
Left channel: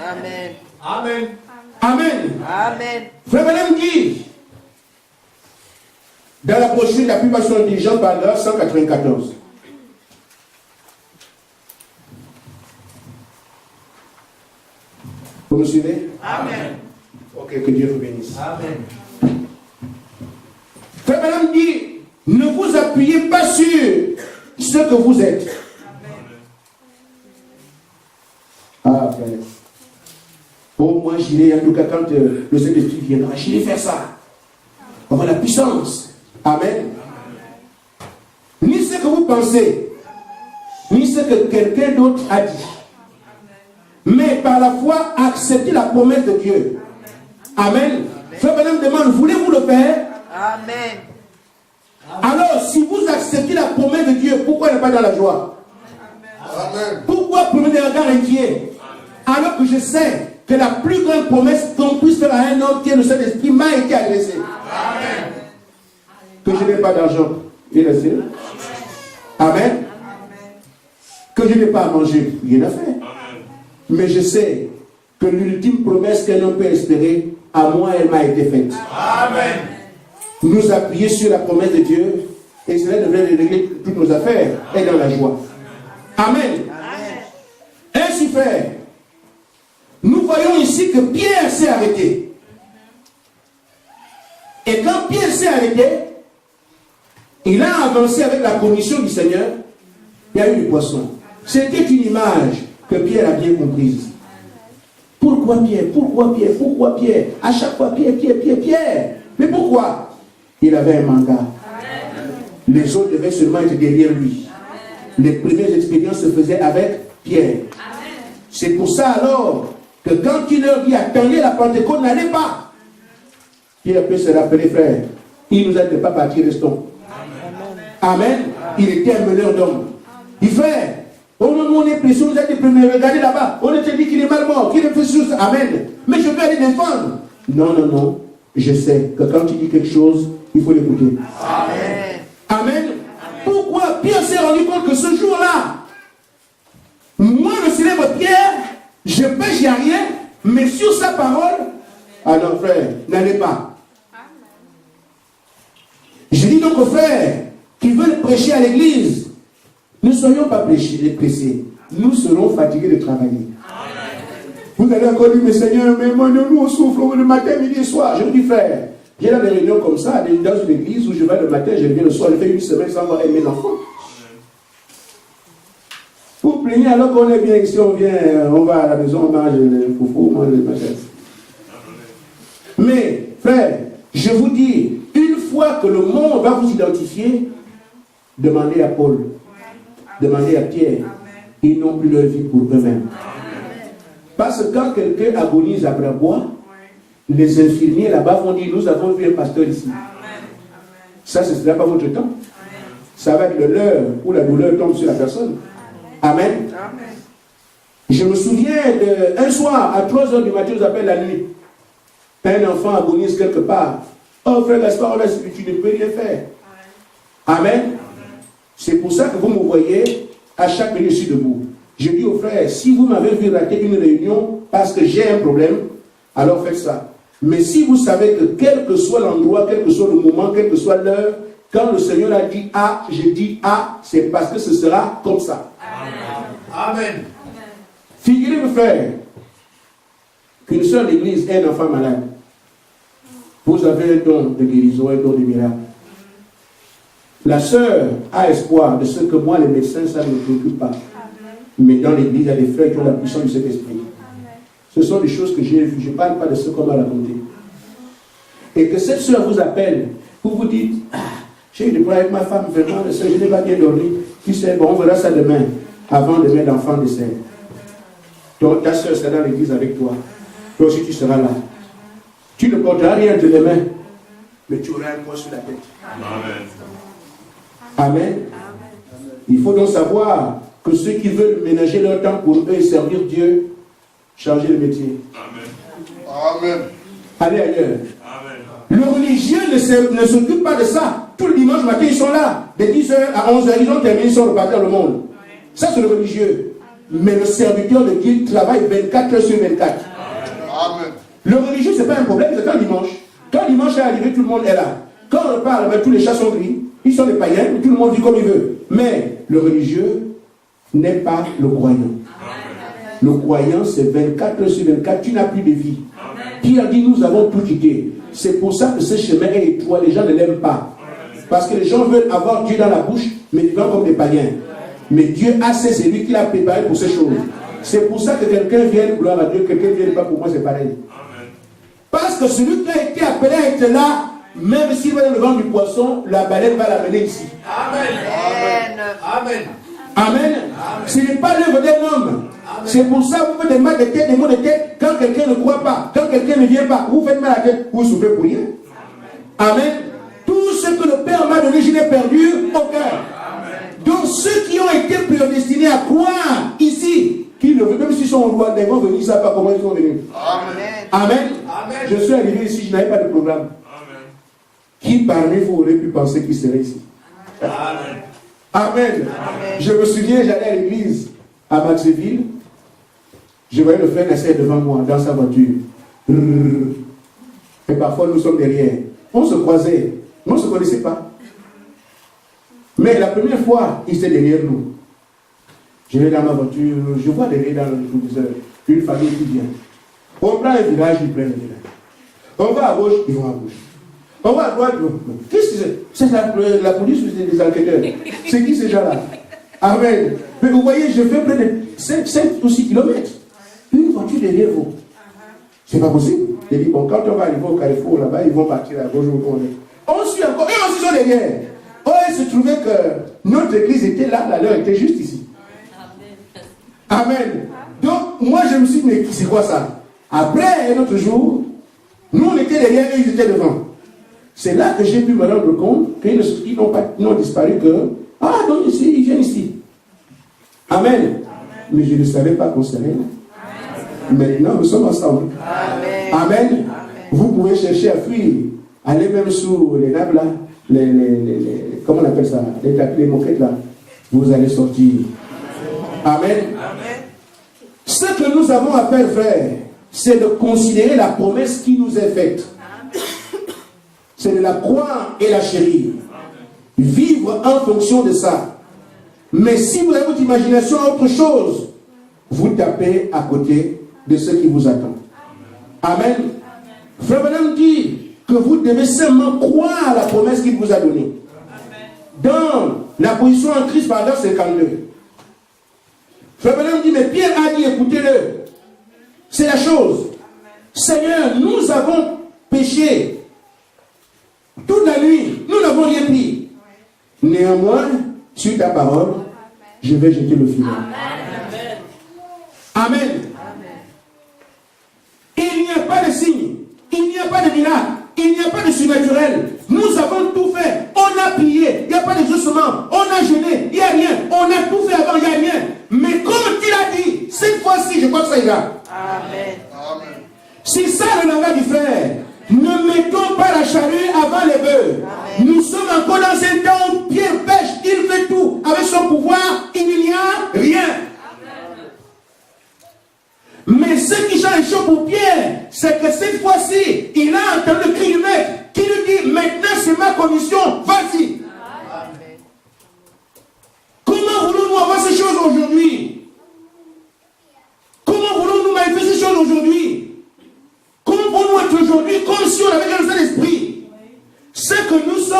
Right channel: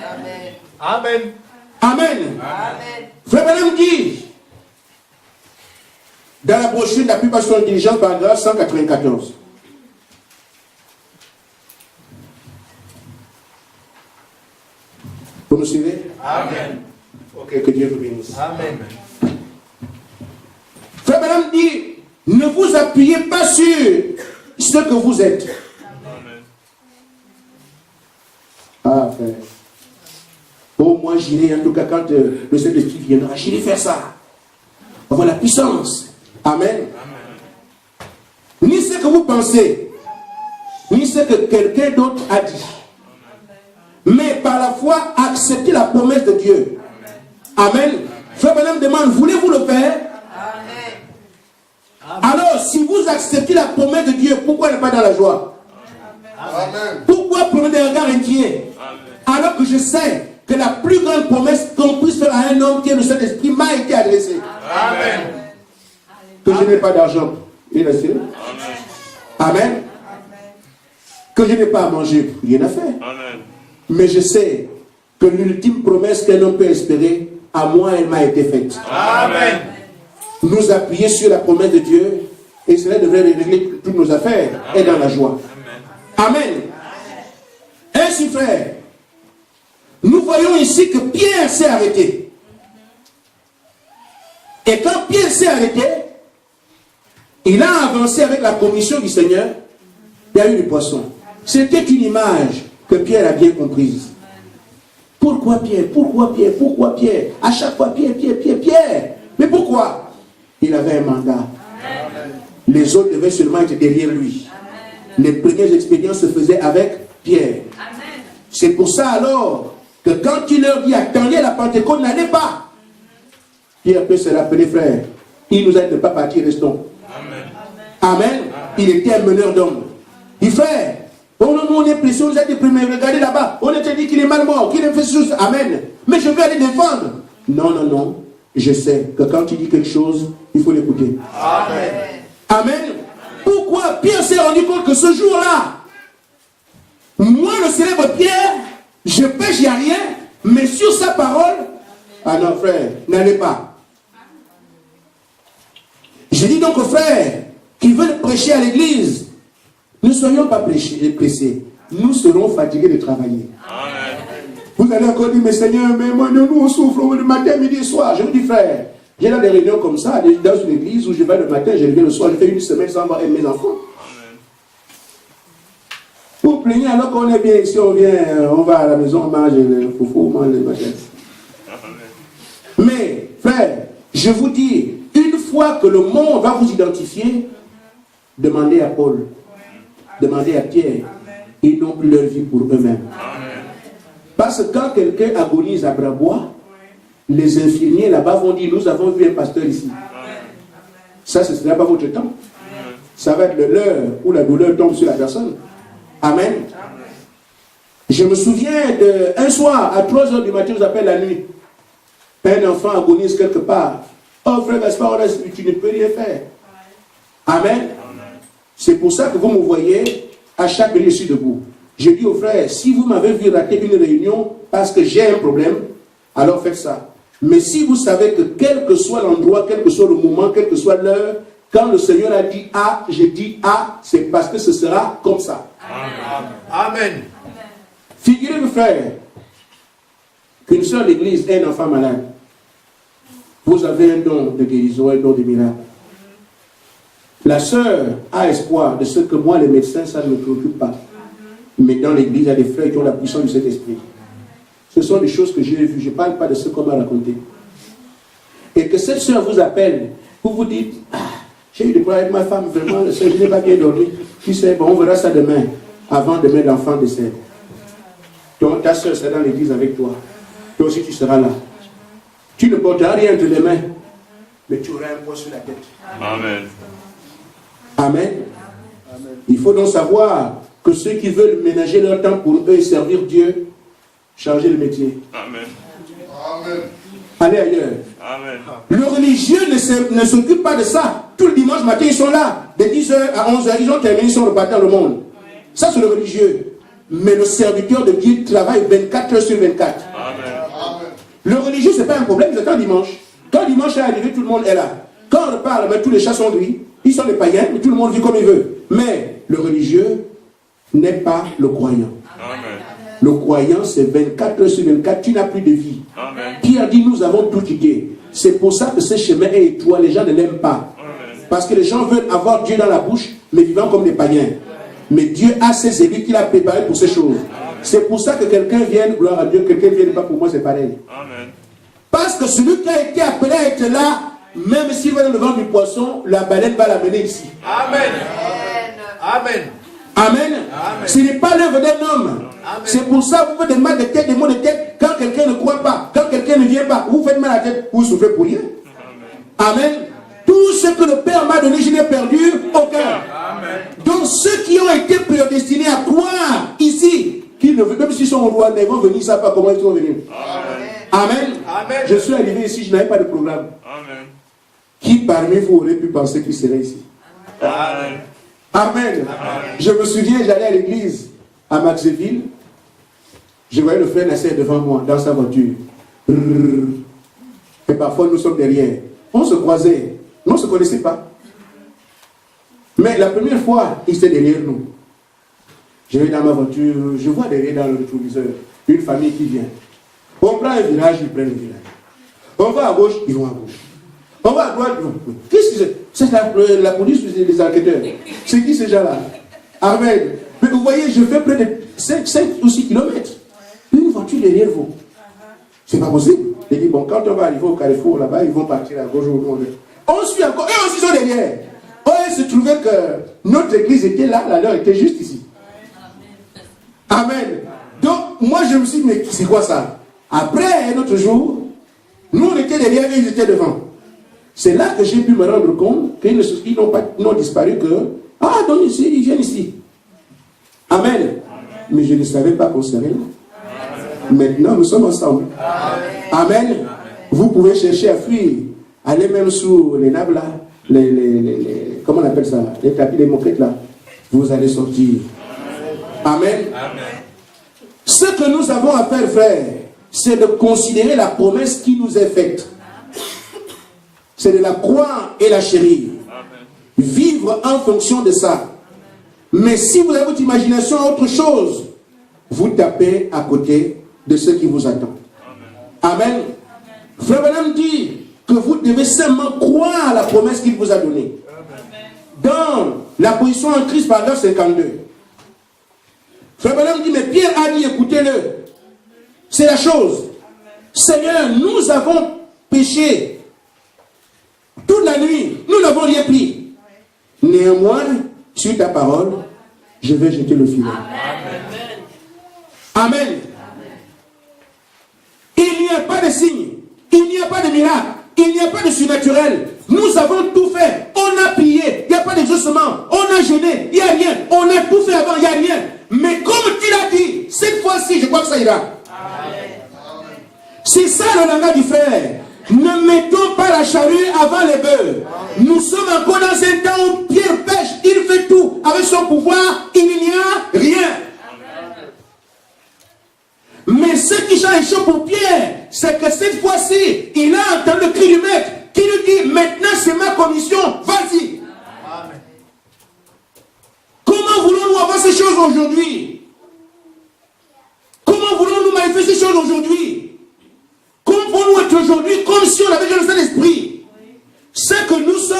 Amen. Amen. Amen. Frère Branham dit, dans la brochure de la publication de diligence, paragraphe 194. Vous me suivez? Amen. Ok, que Dieu vous bénisse. Amen. Frère Branham dit, ne vous appuyez pas sur ce que vous êtes. Ah, frère. Oh, moi j'irai, en tout cas, quand le Saint-Esprit viendra, j'irai faire ça. puissance. Amen. Ni ce que vous pensez, ni ce que quelqu'un d'autre a dit. Mais par la foi, acceptez la promesse de Dieu. Amen. Frère Branham demande, voulez-vous le faire? Amen. Alors, si vous acceptez la promesse de Dieu, pourquoi ne pas dans la joie? Amen. Pourquoi prendre des regards inquiets? Alors que je sais que la plus grande promesse qu'on puisse faire à un homme qui est le Saint-Esprit m'a été adressée. Amen. Que je n'ai pas d'argent. Il est sûr. Amen. Que je n'ai pas à manger. Rien à faire. Amen. Mais je sais que l'ultime promesse qu'un homme peut espérer, à moi, elle m'a été faite. Amen. Nous appuyer sur la promesse de Dieu et cela devrait régler toutes nos affaires et dans la joie. Amen. Amen. Ainsi, frère, nous voyons ici que Pierre s'est arrêté. Et quand Pierre s'est arrêté, il a avancé avec la commission du Seigneur. Il y a eu du poisson. C'était une image que Pierre a bien comprise. Pourquoi Pierre? Pourquoi Pierre? Pourquoi Pierre? À chaque fois Pierre, Pierre, Pierre, Pierre. Mais pourquoi? Il avait un mandat. Les autres devaient seulement être derrière lui. Les premières expériences se faisaient avec Pierre. C'est pour ça alors que quand il leur dit attendez la Pentecôte, n'allez pas. Pierre peut se rappeler, frère, il nous a dit de ne pas partir, restons. Amen. Il était un meneur d'hommes. Il dit frère, oh non, nous on est pressés, on nous a dit regardez là-bas, on était dit qu'il est mal mort, qu'il a fait chose. Amen. Mais je veux aller défendre. Non, non, non. Je sais que quand il dit quelque chose, il faut l'écouter. Amen. Amen. Pourquoi Pierre s'est rendu compte que ce jour-là, moi le célèbre Pierre, je pêche, il n'y a rien, mais sur sa parole, ah non frère, n'allez pas. Je dis donc aux frères qui veulent prêcher à l'église, ne soyons pas pressés, nous serons fatigués de travailler. Amen. Vous allez encore dire, mais Seigneur, mais moi, nous on souffre le matin, midi et soir. Je vous dis frère, j'ai là des réunions comme ça, dans une église où je vais le matin, je reviens le soir, je fais une semaine sans voir mes enfants. Vous plaignez alors qu'on est bien ici, on vient, on va à la maison, on mange le foufou, on mange le matin. Mais, frère, je vous dis, une fois que le monde va vous identifier, demandez à Paul, demandez à Pierre, ils n'ont plus leur vie pour eux-mêmes. Parce que quand quelqu'un agonise à bras bois, les infirmiers là-bas vont dire, nous avons vu un pasteur ici. Ça, ce ne sera pas votre temps. Ça va être l'heure où la douleur tombe sur la personne. Amen. Je me souviens d'un soir, à 3h du matin, je vous appelle la nuit. Un enfant agonise quelque part. Oh frère Gaspard, tu ne peux rien faire. Amen. C'est pour ça que vous me voyez, à chaque minute, je suis debout. Je dis aux frères, si vous m'avez vu rater une réunion parce que j'ai un problème, alors faites ça. Mais si vous savez que quel que soit l'endroit, quel que soit le moment, quelle que soit l'heure, quand le Seigneur a dit A, j'ai dit A, c'est parce que ce sera comme ça. Amen. Figurez-vous, frère, qu'une seule église ait un enfant malade. Vous avez un don de guérison, un don de miracle. La sœur a espoir de ce que moi, les médecins, ça ne me préoccupe pas. Mais dans l'église, il y a des frères qui ont la puissance du Saint-Esprit. Ce sont des choses que j'ai vues. Je ne parle pas de ce qu'on m'a raconté. Et que cette sœur vous appelle, vous vous dites, ah, j'ai eu des problèmes avec ma femme, vraiment, je n'ai pas bien dormi. Qui sait, bon, on verra ça demain. Avant demain, l'enfant décède. Donc, ta sœur sera dans l'église avec toi. Toi aussi, tu seras là. Tu ne porteras rien entre les mains, mais tu auras un poids sur la tête. Amen. Amen. Amen. Il faut donc savoir que ceux qui veulent ménager leur temps pour eux et servir Dieu, changez le métier. Amen. Amen. Allez ailleurs. Amen. Le religieux ne s'occupe pas de ça. Tout le dimanche matin, ils sont là. De 10h à 11h, ils ont terminé, ils sont repartis dans le monde. Ça, c'est le religieux. Mais le serviteur de Dieu travaille 24 heures sur 24. Amen. Le religieux, ce n'est pas un problème, c'est un dimanche. Quand dimanche est arrivé, tout le monde est là. Quand on parle, mais tous les chats sont gris. Ils sont des païens, mais tout le monde vit comme il veut. Mais le religieux n'est pas le croyant. Amen. Le croyant, c'est 24 heures sur 24. Tu n'as plus de vie. Amen. Pierre dit, nous avons tout quitté. C'est pour ça que ce chemin est étroit. Les gens ne l'aiment pas. Amen. Parce que les gens veulent avoir Dieu dans la bouche, mais vivant comme des païens. Mais Dieu a ses élus qu'il a préparés pour ces choses. C'est pour ça que quelqu'un vienne, gloire à Dieu, quelqu'un ne vienne pas pour moi, c'est pareil. Amen. Parce que celui qui a été appelé à être là même s'il va dans le ventre du poisson, la baleine va l'amener ici. Amen. Amen. Amen. Ce n'est pas l'œuvre d'un homme. C'est pour ça que vous faites des mal de tête, des maux de tête, quand quelqu'un ne croit pas, quand quelqu'un ne vient pas, vous faites mal à la tête, vous souffrez pour rien. Amen. Tout ce que le Père m'a donné, je l'ai perdu au cœur. Donc ceux qui ont été prédestinés à croire ici, qui ne veulent, même s'ils sont au Rwanda, ils vont venir, ils ne savent pas comment ils sont venus. Amen. Amen. Je suis arrivé ici, je n'avais pas de programme. Amen. Qui parmi vous aurait pu penser qu'il serait ici? Amen. Amen. Je me souviens, j'allais à l'église à Maxéville. Je voyais le frère Nasser devant moi, dans sa voiture. Et parfois, nous sommes derrière. On se croisait. On ne se connaissait pas. Mais la première fois, il était derrière nous. Je vais dans ma voiture, je vois derrière dans le rétroviseur une famille qui vient. On prend un virage, ils prennent le virage. On va à gauche, ils vont à gauche. On va à droite, ils vont. Qu'est-ce que c'est? C'est la police ou c'est des enquêteurs? C'est qui ces gens-là? Amen. Mais vous voyez, je fais près de 5 ou 6 kilomètres. Une voiture derrière vous. C'est pas possible. J'ai dit, bon, quand on va arriver au carrefour là-bas, ils vont partir à gauche ou à droite. On suit encore. Et aussi sont derrière. Oh, il se trouvait que notre église était là, la leur était juste ici. Amen. Donc, moi, je me suis dit, mais c'est quoi ça? Après, un autre jour, nous, on était derrière et ils étaient devant. C'est là que j'ai pu me rendre compte qu'ils n'ont disparu que, ah, donc ici, ils viennent ici. Amen. Mais je ne savais pas qu'on serait là. Maintenant, nous sommes ensemble. Amen. Vous pouvez chercher à fuir. Allez même sous les nappes là, comment on appelle ça? Les tapis, les moquettes là. Vous allez sortir. Amen. Ce que nous avons à faire, frère, c'est de considérer la promesse qui nous est faite. C'est de la croire et la chérir. Vivre en fonction de ça. Mais si vous avez votre imagination à autre chose, vous tapez à côté de ce qui vous attend. Amen. Frère Branham dit que vous devez seulement croire à la promesse qu'il vous a donnée. Dans la position en Christ, paragraphe 52. Frère Branham dit, mais Pierre a dit, écoutez-le. C'est la chose. Seigneur, nous avons péché toute la nuit. Nous n'avons rien pris. Néanmoins, sur ta parole, je vais jeter le filet. Amen. Amen. Il n'y a pas de signe, il n'y a pas de miracle, il n'y a pas de surnaturel. Nous avons tout fait. On a prié, il n'y a pas d'exaucement. On a jeûné, il n'y a rien. On a tout fait avant, il n'y a rien. Mais comme tu l'as dit, cette fois-ci, je crois que ça ira. C'est ça le langage du frère. Ne mettons pas la charrue avant les bœufs. Nous sommes encore dans un temps où Pierre pêche, il fait tout. Avec son pouvoir, il n'y a rien. Mais ce qui change chaud pour Pierre, c'est que cette fois-ci, il a entendu le cri du maître qui lui dit, maintenant c'est ma commission, vas-y. Comment voulons-nous avoir ces choses aujourd'hui? Comment voulons-nous manifester ces choses aujourd'hui? Comment voulons-nous être aujourd'hui comme si on avait déjà le Saint-Esprit? C'est que nous sommes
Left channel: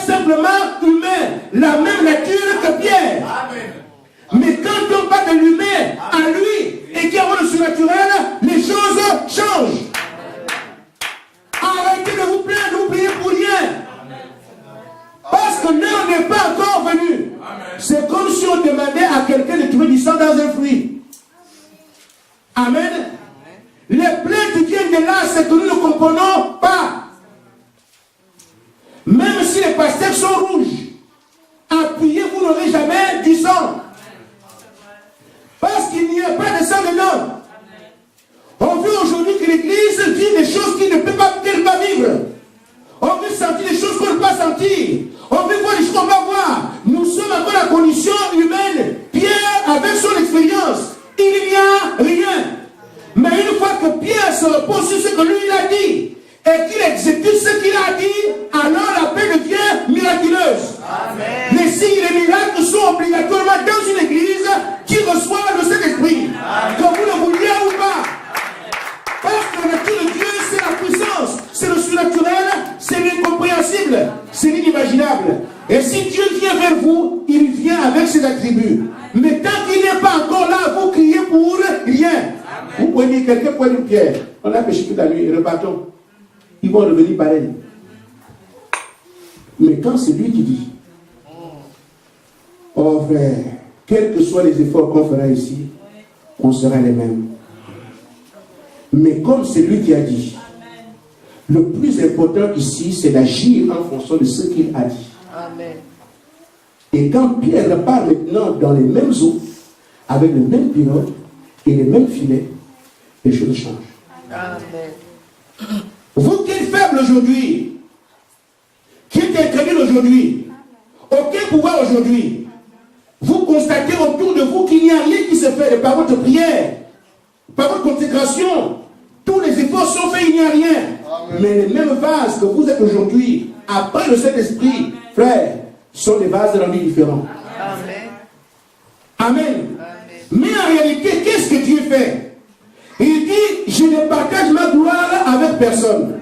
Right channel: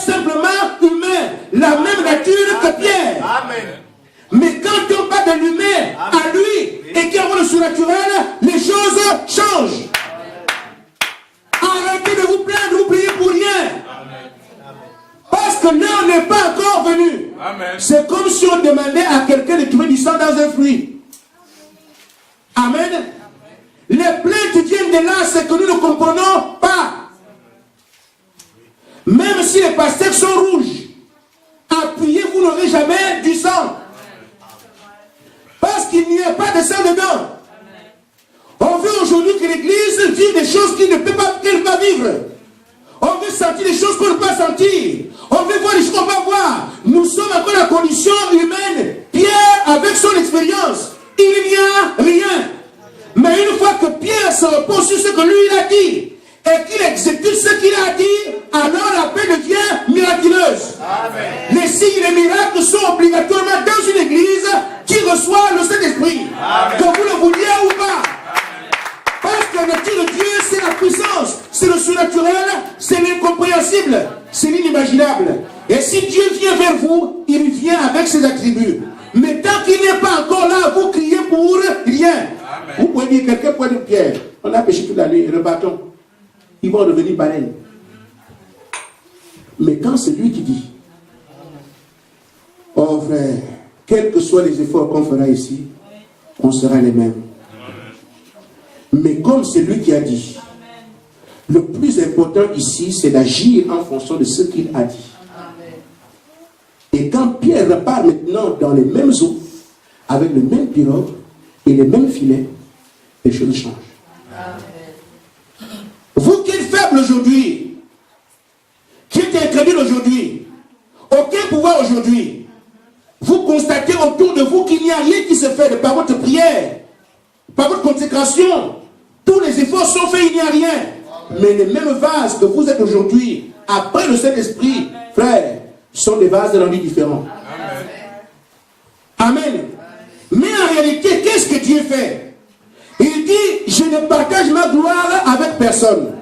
simplement humains, la même nature que Pierre. Amen. Mais quand on parle de l'humain à lui et qu'il y a le surnaturel, les choses changent. Arrêtez de vous plaindre, de vous prier pour rien. Parce que l'heure n'est pas encore venue. C'est comme si on demandait à quelqu'un de trouver du sang dans un fruit. Amen. Les plaintes viennent de là, c'est que nous ne comprenons pas. Même si les pasteurs sont rouges, appuyez, vous n'aurez jamais du sang. Parce qu'il n'y a pas de sang dedans. On veut aujourd'hui que l'Église vive des choses qu'il ne peut pas vivre. On veut sentir des choses qu'on ne peut pas sentir. On veut voir des choses qu'on va voir. Nous sommes encore dans la condition humaine. Pierre, avec son expérience, il n'y a rien. Mais une fois que Pierre se repose sur ce que lui il a dit, et qu'il exécute ce qu'il a dit, alors la paix devient miraculeuse. Amen. Les signes et les miracles sont obligatoirement dans une église qui reçoit le Saint-Esprit. Que vous le vouliez ou pas. Parce que la nature de Dieu, c'est la puissance, c'est le surnaturel, c'est l'incompréhensible, c'est l'inimaginable. Et si Dieu vient vers vous, il vient avec ses attributs. Mais tant qu'il n'est pas encore là, vous criez pour rien. Amen. Vous pouvez dire, quelqu'un peut dire, Pierre, on a péché toute la nuit, rebattons. Ils vont revenir pareil. Mais quand c'est lui qui dit, oh frère, quels que soient les efforts qu'on fera ici, on sera les mêmes. Mais comme c'est lui qui a dit, le plus important ici, c'est d'agir en fonction de ce qu'il a dit. Et quand Pierre repart maintenant dans les mêmes eaux, avec le même pirogue et les mêmes filets, les choses changent. Amen. Vous qui êtes faible aujourd'hui, qui êtes incrédule aujourd'hui, aucun pouvoir aujourd'hui, vous constatez autour de vous qu'il n'y a rien qui se fait par votre prière, par votre consécration. Tous les efforts sont faits, il n'y a rien. Amen. Mais les mêmes vases que vous êtes aujourd'hui, après le Saint-Esprit, frère, sont des vases rendus différents. Amen. Amen. Mais en réalité, qu'est-ce que Dieu fait? Il dit, je ne partage ma gloire avec personne.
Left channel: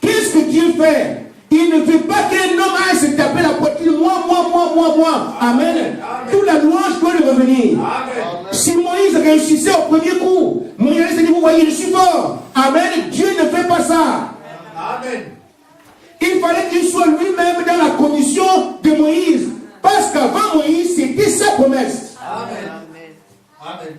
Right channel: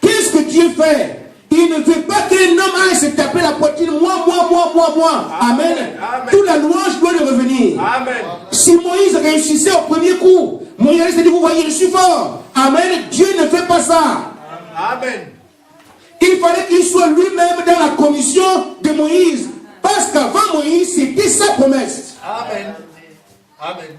Qu'est-ce que Dieu fait? Il ne veut pas qu'un homme aille se taper la poitrine, moi. Amen. Amen. Toute la louange doit lui revenir. Amen. Si Moïse réussissait au premier coup, Moïse s'est dit, vous voyez, je suis fort. Amen. Dieu ne fait pas ça. Amen. Il fallait qu'il soit lui-même dans la commission de Moïse. Parce qu'avant Moïse, c'était sa promesse. Amen. Amen.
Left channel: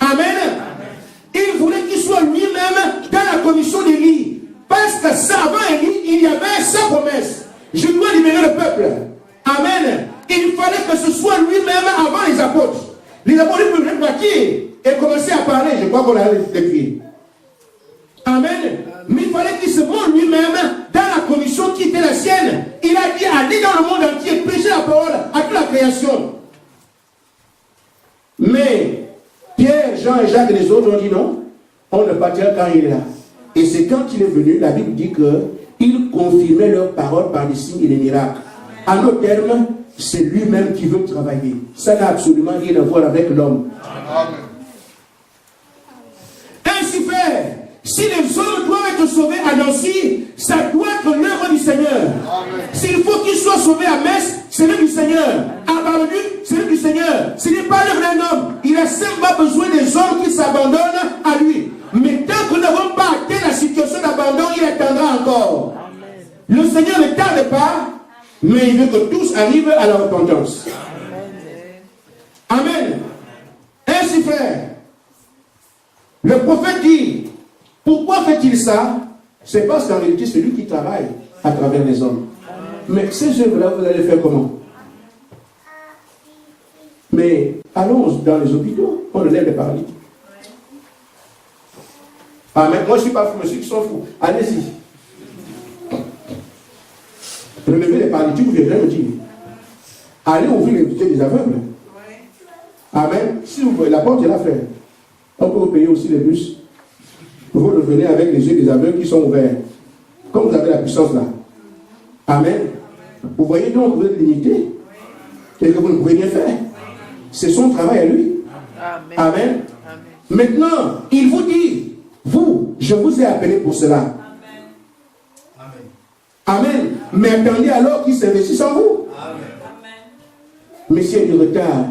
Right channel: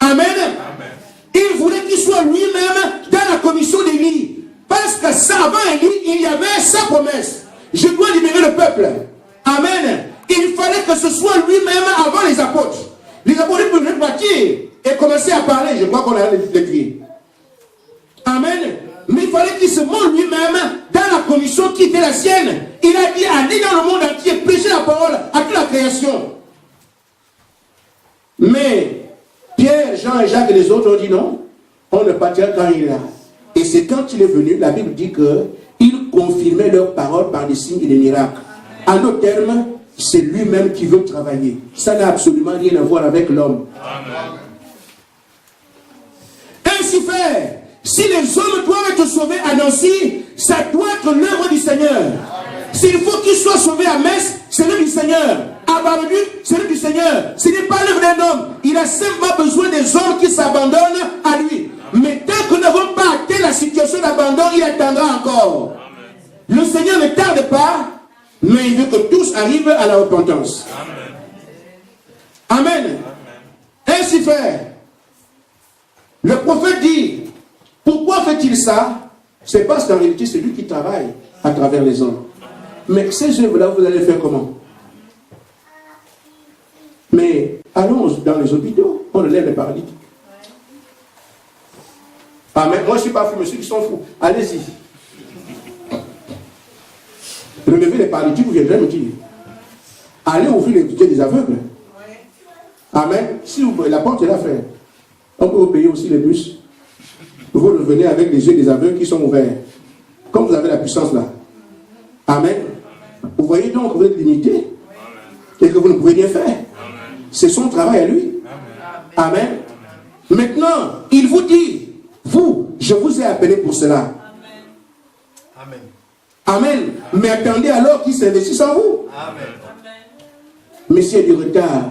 Amen. Amen. Il voulait qu'il soit lui-même dans la commission d'Élie. Parce que ça, avant Élie, il y avait sa promesse. Je dois libérer le peuple. Amen. Il fallait que ce soit lui-même avant les apôtres. Les apôtres pouvaient partir et commencer à parler. Je crois qu'on a l'écrit. Amen. Mais il fallait qu'il se montre lui-même dans la commission qui était la sienne. Il a dit, allez dans le monde entier, prêcher la parole à toute la création. Mais Pierre, Jean et Jacques et les autres ont dit non, on ne partira quand il est là. Et c'est quand il est venu, la Bible dit qu'il confirmait leurs paroles par des signes et des miracles. En d'autres termes, c'est lui-même qui veut travailler. Ça n'a absolument rien à voir avec l'homme. Ainsi fait, si les hommes doivent être sauvés à Nancy, ça doit être l'œuvre du Seigneur. S'il faut qu'ils soient sauvés à Metz, c'est l'œuvre du Seigneur. À Bar-le-Duc, c'est l'œuvre du Seigneur. Ce n'est pas l'œuvre d'un homme. Il a simplement besoin des hommes qui s'abandonnent à lui. Mais tant que nous n'avons pas atteint la situation d'abandon, il attendra encore. Amen. Le Seigneur ne tarde pas, mais il veut que tous arrivent à la repentance. Amen. Amen. Ainsi fait, le prophète dit, pourquoi fait-il ça? C'est parce qu'en réalité, c'est lui qui travaille à travers les hommes. Mais ces œuvres-là, vous allez faire comment? Mais allons dans les hôpitaux, on relève les paralytiques. Amen. Moi, je ne suis pas fou, mais ceux qui sont fous, allez-y. Relevez les paralytiques, vous viendrez me dire. Allez ouvrir les yeux des aveugles. Amen. Si vous, la porte est là, frère. On peut vous payer aussi les bus. Vous revenez avec les yeux des aveugles qui sont ouverts. Comme vous avez la puissance là. Amen. Vous voyez donc que vous êtes limité. Et que vous ne pouvez rien faire. C'est son travail à lui. Amen. Maintenant, il vous dit, vous, je vous ai appelé pour cela. Amen. Amen. Mais attendez alors qu'il s'investisse en vous. Amen. Mais s'il y a du retard,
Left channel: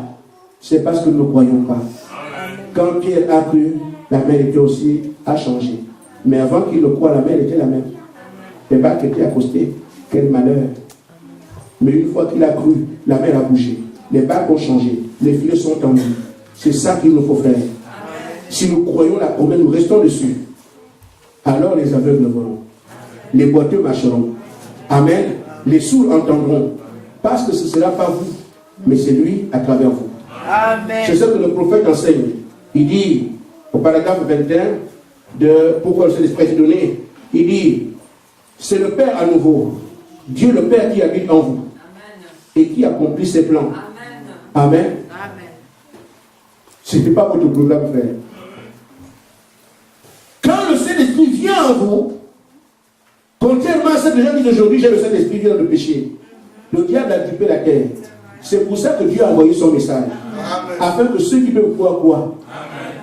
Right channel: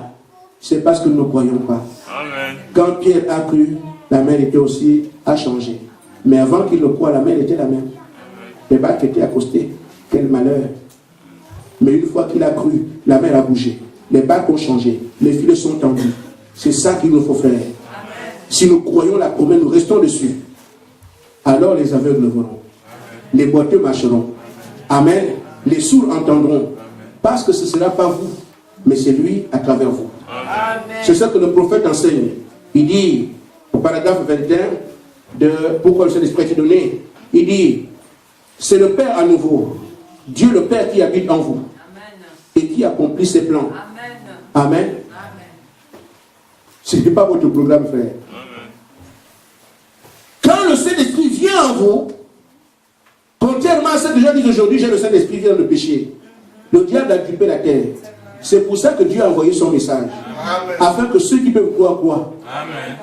c'est parce que nous ne croyons pas. Amen. Quand Pierre a cru, la mer était aussi a changé. Mais avant qu'il le croie, la mer était la même. Les barques étaient accostées. Quel malheur. Mais une fois qu'il a cru, la mer a bougé. Les barques ont changé. Les filets sont tendus. C'est ça qu'il nous faut faire. Si nous croyons la promesse, nous restons dessus. Alors les aveugles verront. Les boiteux marcheront. Amen. Les sourds entendront. Parce que ce ne sera pas vous, mais c'est lui à travers vous. C'est ça que le prophète enseigne. Il dit, au paragraphe 21, de pourquoi le Saint-Esprit a été donné, il dit, c'est le Père à nouveau, Dieu le Père qui habite en vous. Amen. Et qui accomplit ses plans. Amen. Amen. Ce n'est pas votre programme, frère. Quand le Saint-Esprit vient en vous, contrairement à ce que les gens disent aujourd'hui, j'ai le Saint-Esprit vient dans le péché. Le diable a occupé la terre. C'est pour ça que Dieu a envoyé son message. Amen. Afin que ceux qui peuvent croire. Amen.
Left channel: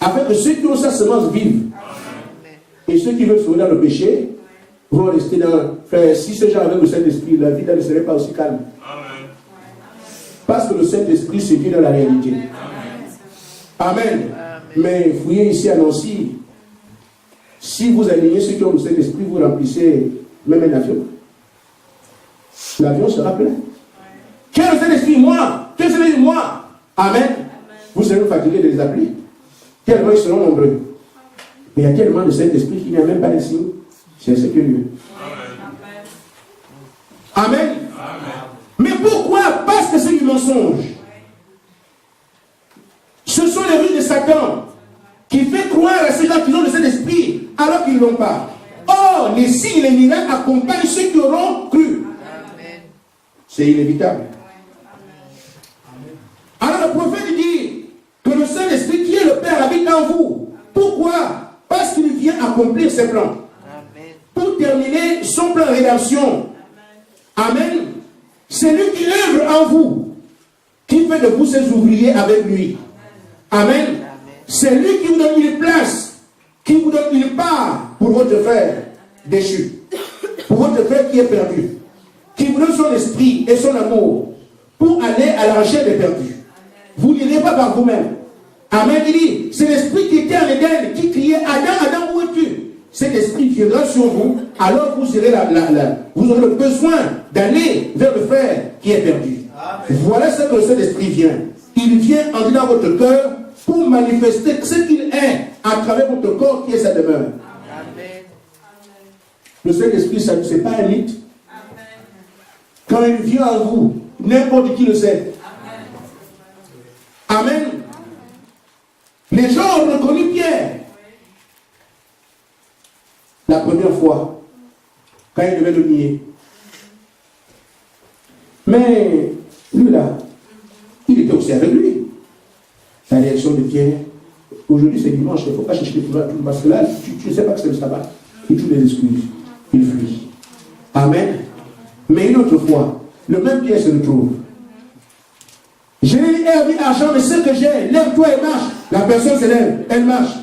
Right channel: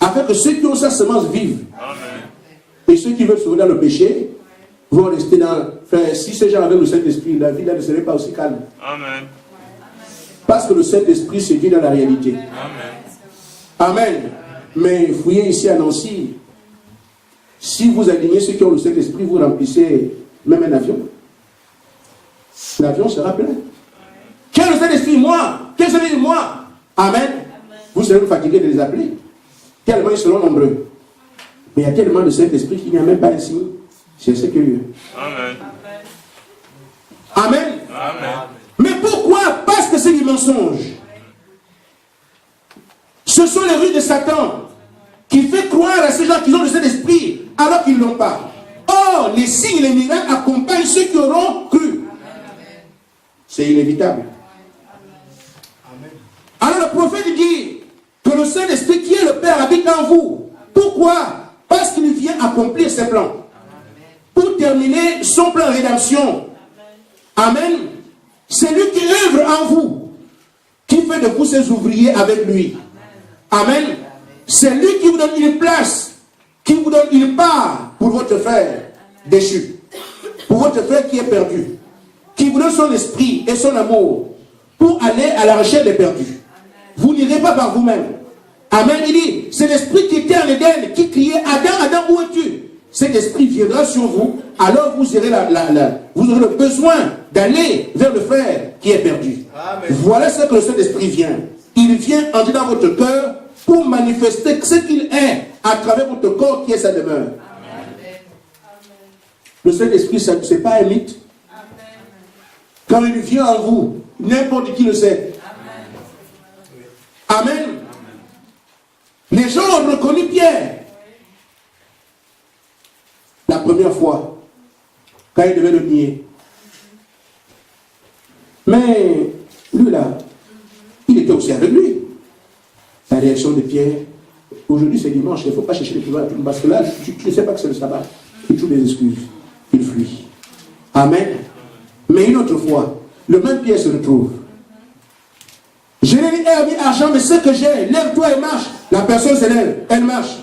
Afin que ceux qui ont sa semence vivent. Amen. Et ceux qui veulent se dans le péché vont rester dans... Frère, si ces gens avaient le Saint-Esprit, la vie là ne serait pas aussi calme. Amen. Parce que le Saint-Esprit c'est Dieu dans la réalité. Amen. Amen. Mais fouiller ici à Nancy, Si vous alignez ceux qui ont le Saint-Esprit, vous remplissez même un avion. L'avion sera plein. Qui a le Saint-Esprit? Moi. Qui a le Saint-Esprit? Moi. Amen. Vous serez fatigués de les appeler. Tellement ils seront nombreux. Mais il y a tellement de Saint-Esprit qu'il n'y a même pas un signe. C'est ce que Dieu. Amen. Amen. Mais pourquoi? Parce que c'est du mensonge. Ce sont les ruses de Satan qui fait croire à ces gens qui ont le Saint-Esprit alors qu'ils ne l'ont pas. Or, les signes et les miracles accompagnent ceux qui auront cru. C'est inévitable. Alors le prophète dit que le Saint-Esprit qui est le Père habite en vous. Pourquoi? Parce qu'il vient accomplir ses plans. Pour terminer son plan de rédemption. Amen. C'est lui qui œuvre en vous, qui fait de vous ses ouvriers avec lui. Amen. C'est lui qui vous donne une place, qui vous donne une part pour votre frère déchu, pour votre frère qui est perdu, qui vous donne son esprit et son amour pour aller à la recherche des perdus. Vous n'irez pas par vous-même. Amen. Il dit, c'est l'esprit qui était en Éden, qui criait, Adam, Adam, où es-tu? Cet esprit viendra sur vous, alors vous aurez, vous aurez le besoin d'aller vers le frère qui est perdu. Amen. Voilà ce que le Saint-Esprit vient. Il vient entrer dans votre cœur pour manifester ce qu'il est à travers votre corps qui est sa demeure. Amen. Le Saint-Esprit, ce n'est pas un mythe. Amen. Quand il vient en vous, n'importe qui le sait. Amen. Amen. Les gens ont reconnu Pierre. La première fois, quand il devait le nier. Mais lui là, il était aussi avec lui. La réaction de Pierre, aujourd'hui c'est dimanche, il ne faut pas chercher les pouvoirs, parce que là, tu ne sais pas que c'est le sabbat. Il trouve des excuses. Il fuit. Amen. Mais une autre fois, le même Pierre se retrouve. Je n'ai ni herbe ni argent, mais ce que j'ai, lève-toi et marche. La personne se lève, elle marche.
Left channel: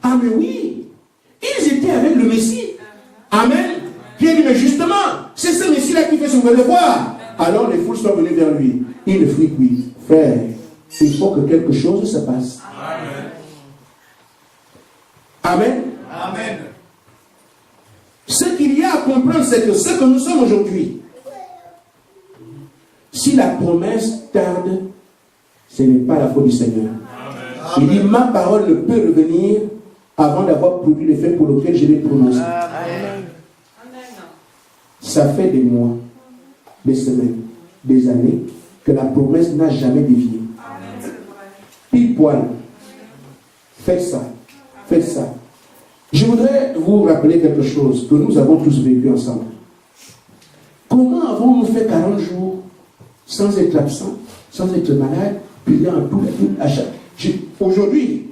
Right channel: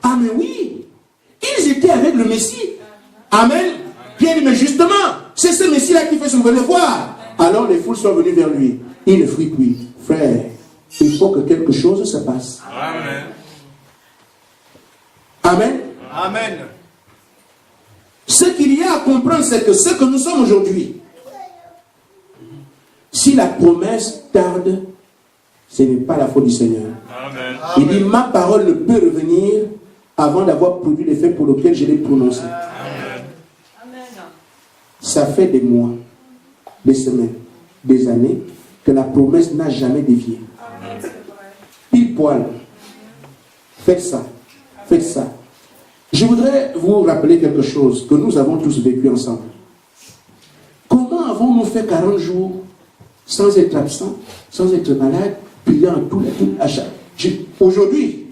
Ah mais oui, ils étaient avec le Messie. Amen. Pierre dit, mais justement, c'est ce Messie-là qui fait son devoir. Alors les foules sont venues vers lui. Il ne fuit plus. Frère, il faut que quelque chose se passe. Amen. Amen. Amen. Ce qu'il y a à comprendre, c'est que ce que nous sommes aujourd'hui, si la promesse tarde, ce n'est pas la faute du Seigneur. Amen. Il dit, ma parole ne peut revenir avant d'avoir produit l'effet pour lequel je l'ai prononcé. Amen. Ça fait des mois, des semaines, des années que la promesse n'a jamais dévié. Pile poil. Faites ça. Faites ça. Je voudrais vous rappeler quelque chose que nous avons tous vécu ensemble. Comment avons-nous fait 40 jours sans être absent, sans être malade, priant à chaque... Aujourd'hui,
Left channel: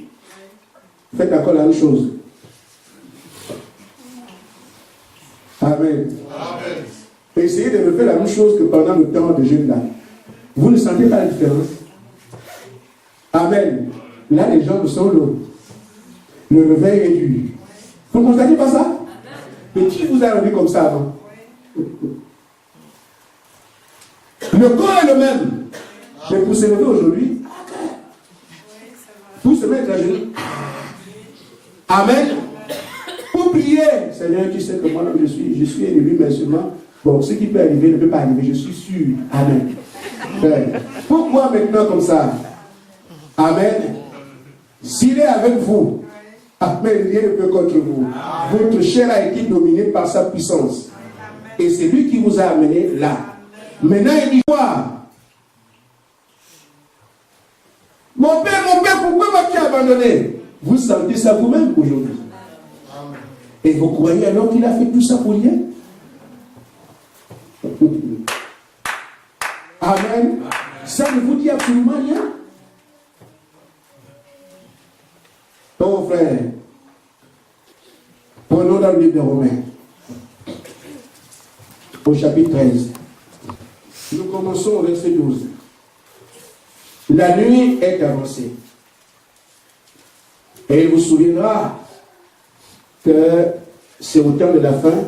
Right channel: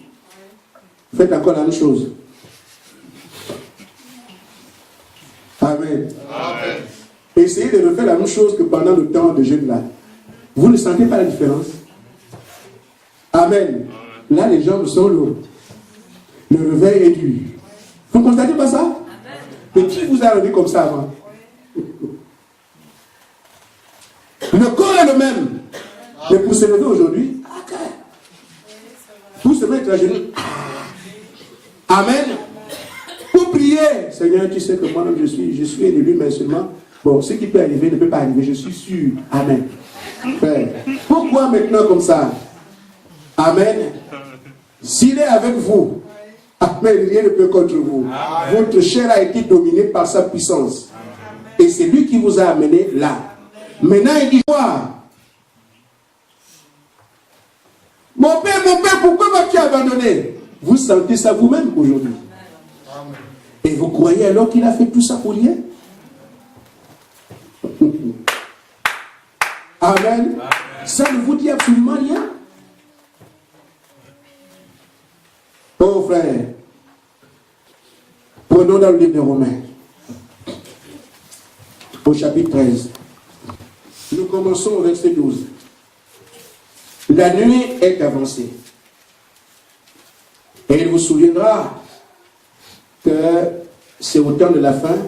faites encore la même chose. Amen. Amen. Essayez de refaire la même chose que pendant le temps de jeûne là. Vous ne sentez pas la différence? Amen. Là, les jambes sont lourdes. Le réveil est dur. Vous ne constatez pas ça? Mais qui vous a rendu comme ça avant? Le corps est le même. Mais pour se lever aujourd'hui, pour se mettre à genoux, amen. Pour prier, Seigneur, tu sais que moi-même je suis élu, mais seulement, bon, ce qui peut arriver ne peut pas arriver, je suis sûr. Amen. Pourquoi maintenant comme ça? Amen. S'il est avec vous, amen, rien ne peut contre vous. Votre chair a été dominée par sa puissance. Et c'est lui qui vous a amené là. Maintenant, il dit quoi? Mon père, pourquoi m'as-tu abandonné? Vous sentez ça vous-même aujourd'hui. Et vous croyez alors qu'il a fait tout ça pour rien? Amen. Ça ne vous dit absolument rien. Oh frère, prenons dans le livre de Romains, au chapitre 13. Nous commençons au verset 12. La nuit est avancée. Et il vous souviendra que c'est au temps de la fin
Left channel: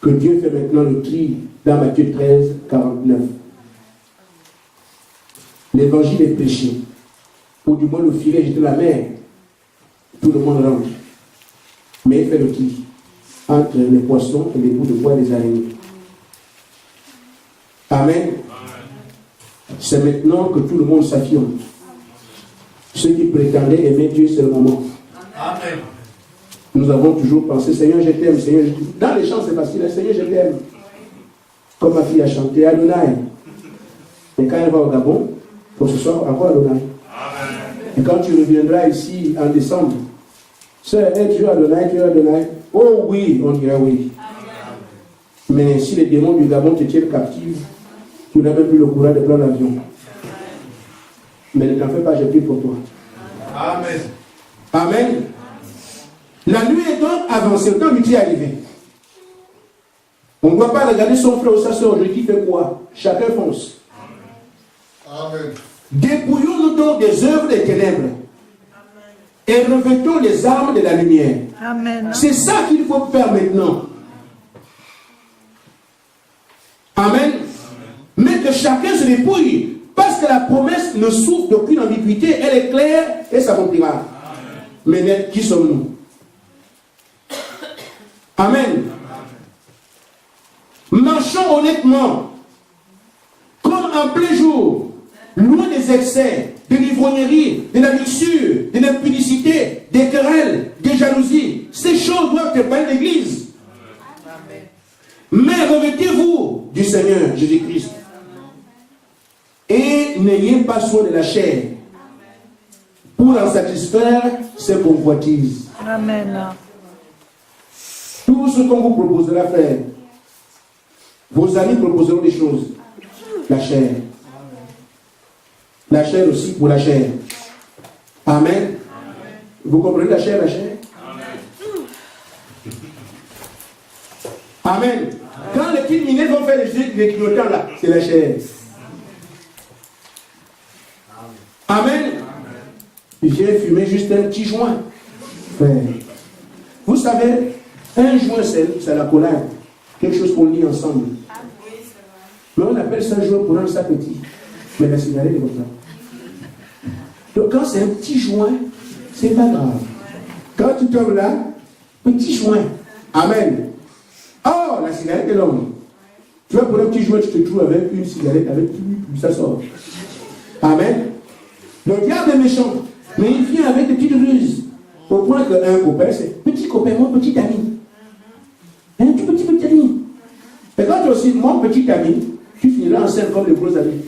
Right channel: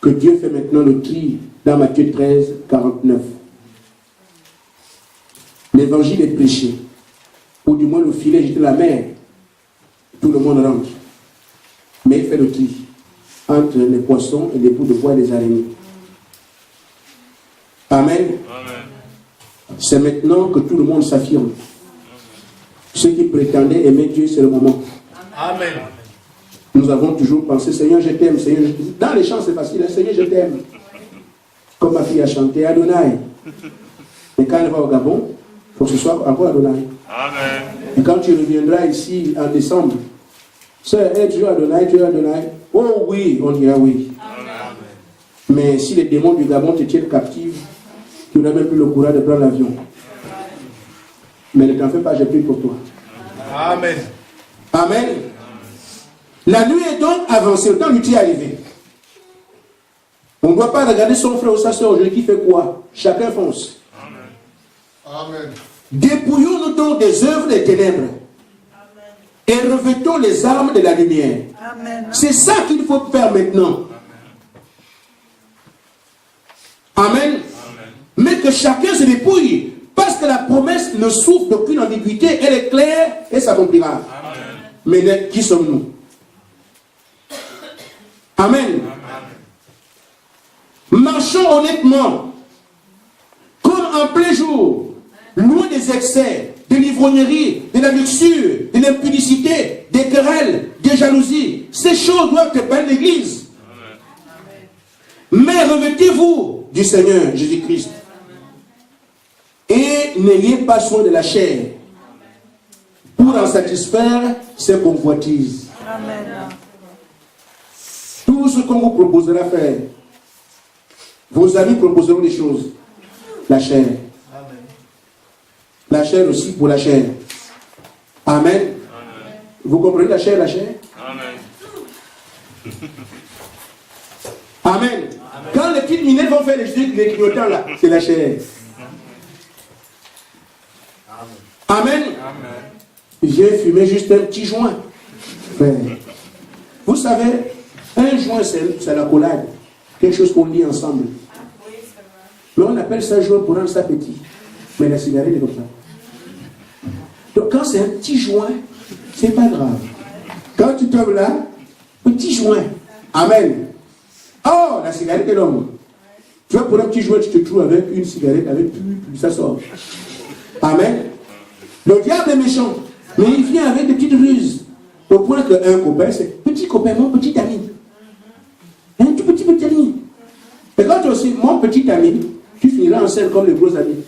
que Dieu fait maintenant le tri dans Matthieu 13, 49. L'évangile est prêché, ou du moins le filet est jeté à la mer. Tout le monde rentre. Mais il fait le tri entre les poissons et les bouts de bois et les araignées. Amen. C'est maintenant que tout le monde s'affirme. Ceux qui prétendaient aimer Dieu, c'est le moment. Amen. Nous avons toujours pensé, Seigneur, je t'aime, Seigneur, je t'aime. Dans les chants, c'est facile, hein? Seigneur, je t'aime. Comme ma fille a chanté, Adonai. Mais quand elle va au Gabon, il faut que ce soit encore Adonai. Amen. Et quand tu reviendras ici en décembre, sœur, tu es Adonai, tu es Adonai. Oh oui, on dira oui. Amen. Mais si les démons du Gabon te tiennent captive, tu n'as même plus le courage de prendre l'avion. Mais ne t'en fais pas, j'ai pris pour toi. Amen. Amen. La nuit est donc avancée, le temps du tri est arrivé. On ne doit pas regarder son frère ou sa soeur aujourd'hui qui fait quoi. Chacun fonce. Amen. Dépouillons-nous donc des œuvres des ténèbres. Et revêtons les armes de la lumière. Amen. C'est ça qu'il faut faire maintenant. Amen. Mais que chacun se dépouille. Parce que la promesse ne souffre d'aucune ambiguïté. Elle est claire et s'accomplira. Mais qui sommes-nous? Amen. Marchons honnêtement. Comme en plein jour. Loin des excès, de l'ivrognerie, de la luxure, de l'impudicité, des querelles, des jalousies. Ces choses doivent épargner l'Église. Mais revêtez-vous du Seigneur Jésus-Christ. Et n'ayez pas soin de la chair pour en satisfaire ses convoitises. Tout ce qu'on vous proposera faire, vos amis proposeront des choses. La chair. La chair aussi pour la chair. Amen. Amen. Vous comprenez la chair, la chair? Amen. Amen. Amen. Quand les petites minettes vont faire les clignotants là, c'est la chair. Amen. Amen. J'ai fumé juste un petit joint. Vous savez, un joint c'est la collade. Quelque chose qu'on lit ensemble. Mais on appelle ça joint pour rendre ça petit. Mais la cigarette est comme ça. Donc quand c'est un petit joint, c'est pas grave. Quand tu tombes là, petit joint. Amen. Oh, la cigarette est longue. Tu vois, pour un petit joint, tu te trouves avec une cigarette, avec plus, ça sort. Amen. Le diable est méchant, mais il vient avec des petites ruses. Au point qu'un copain, c'est petit copain, mon petit ami. Un tout petit ami. Et quand tu es aussi mon petit ami, tu finiras en scène comme les gros amis.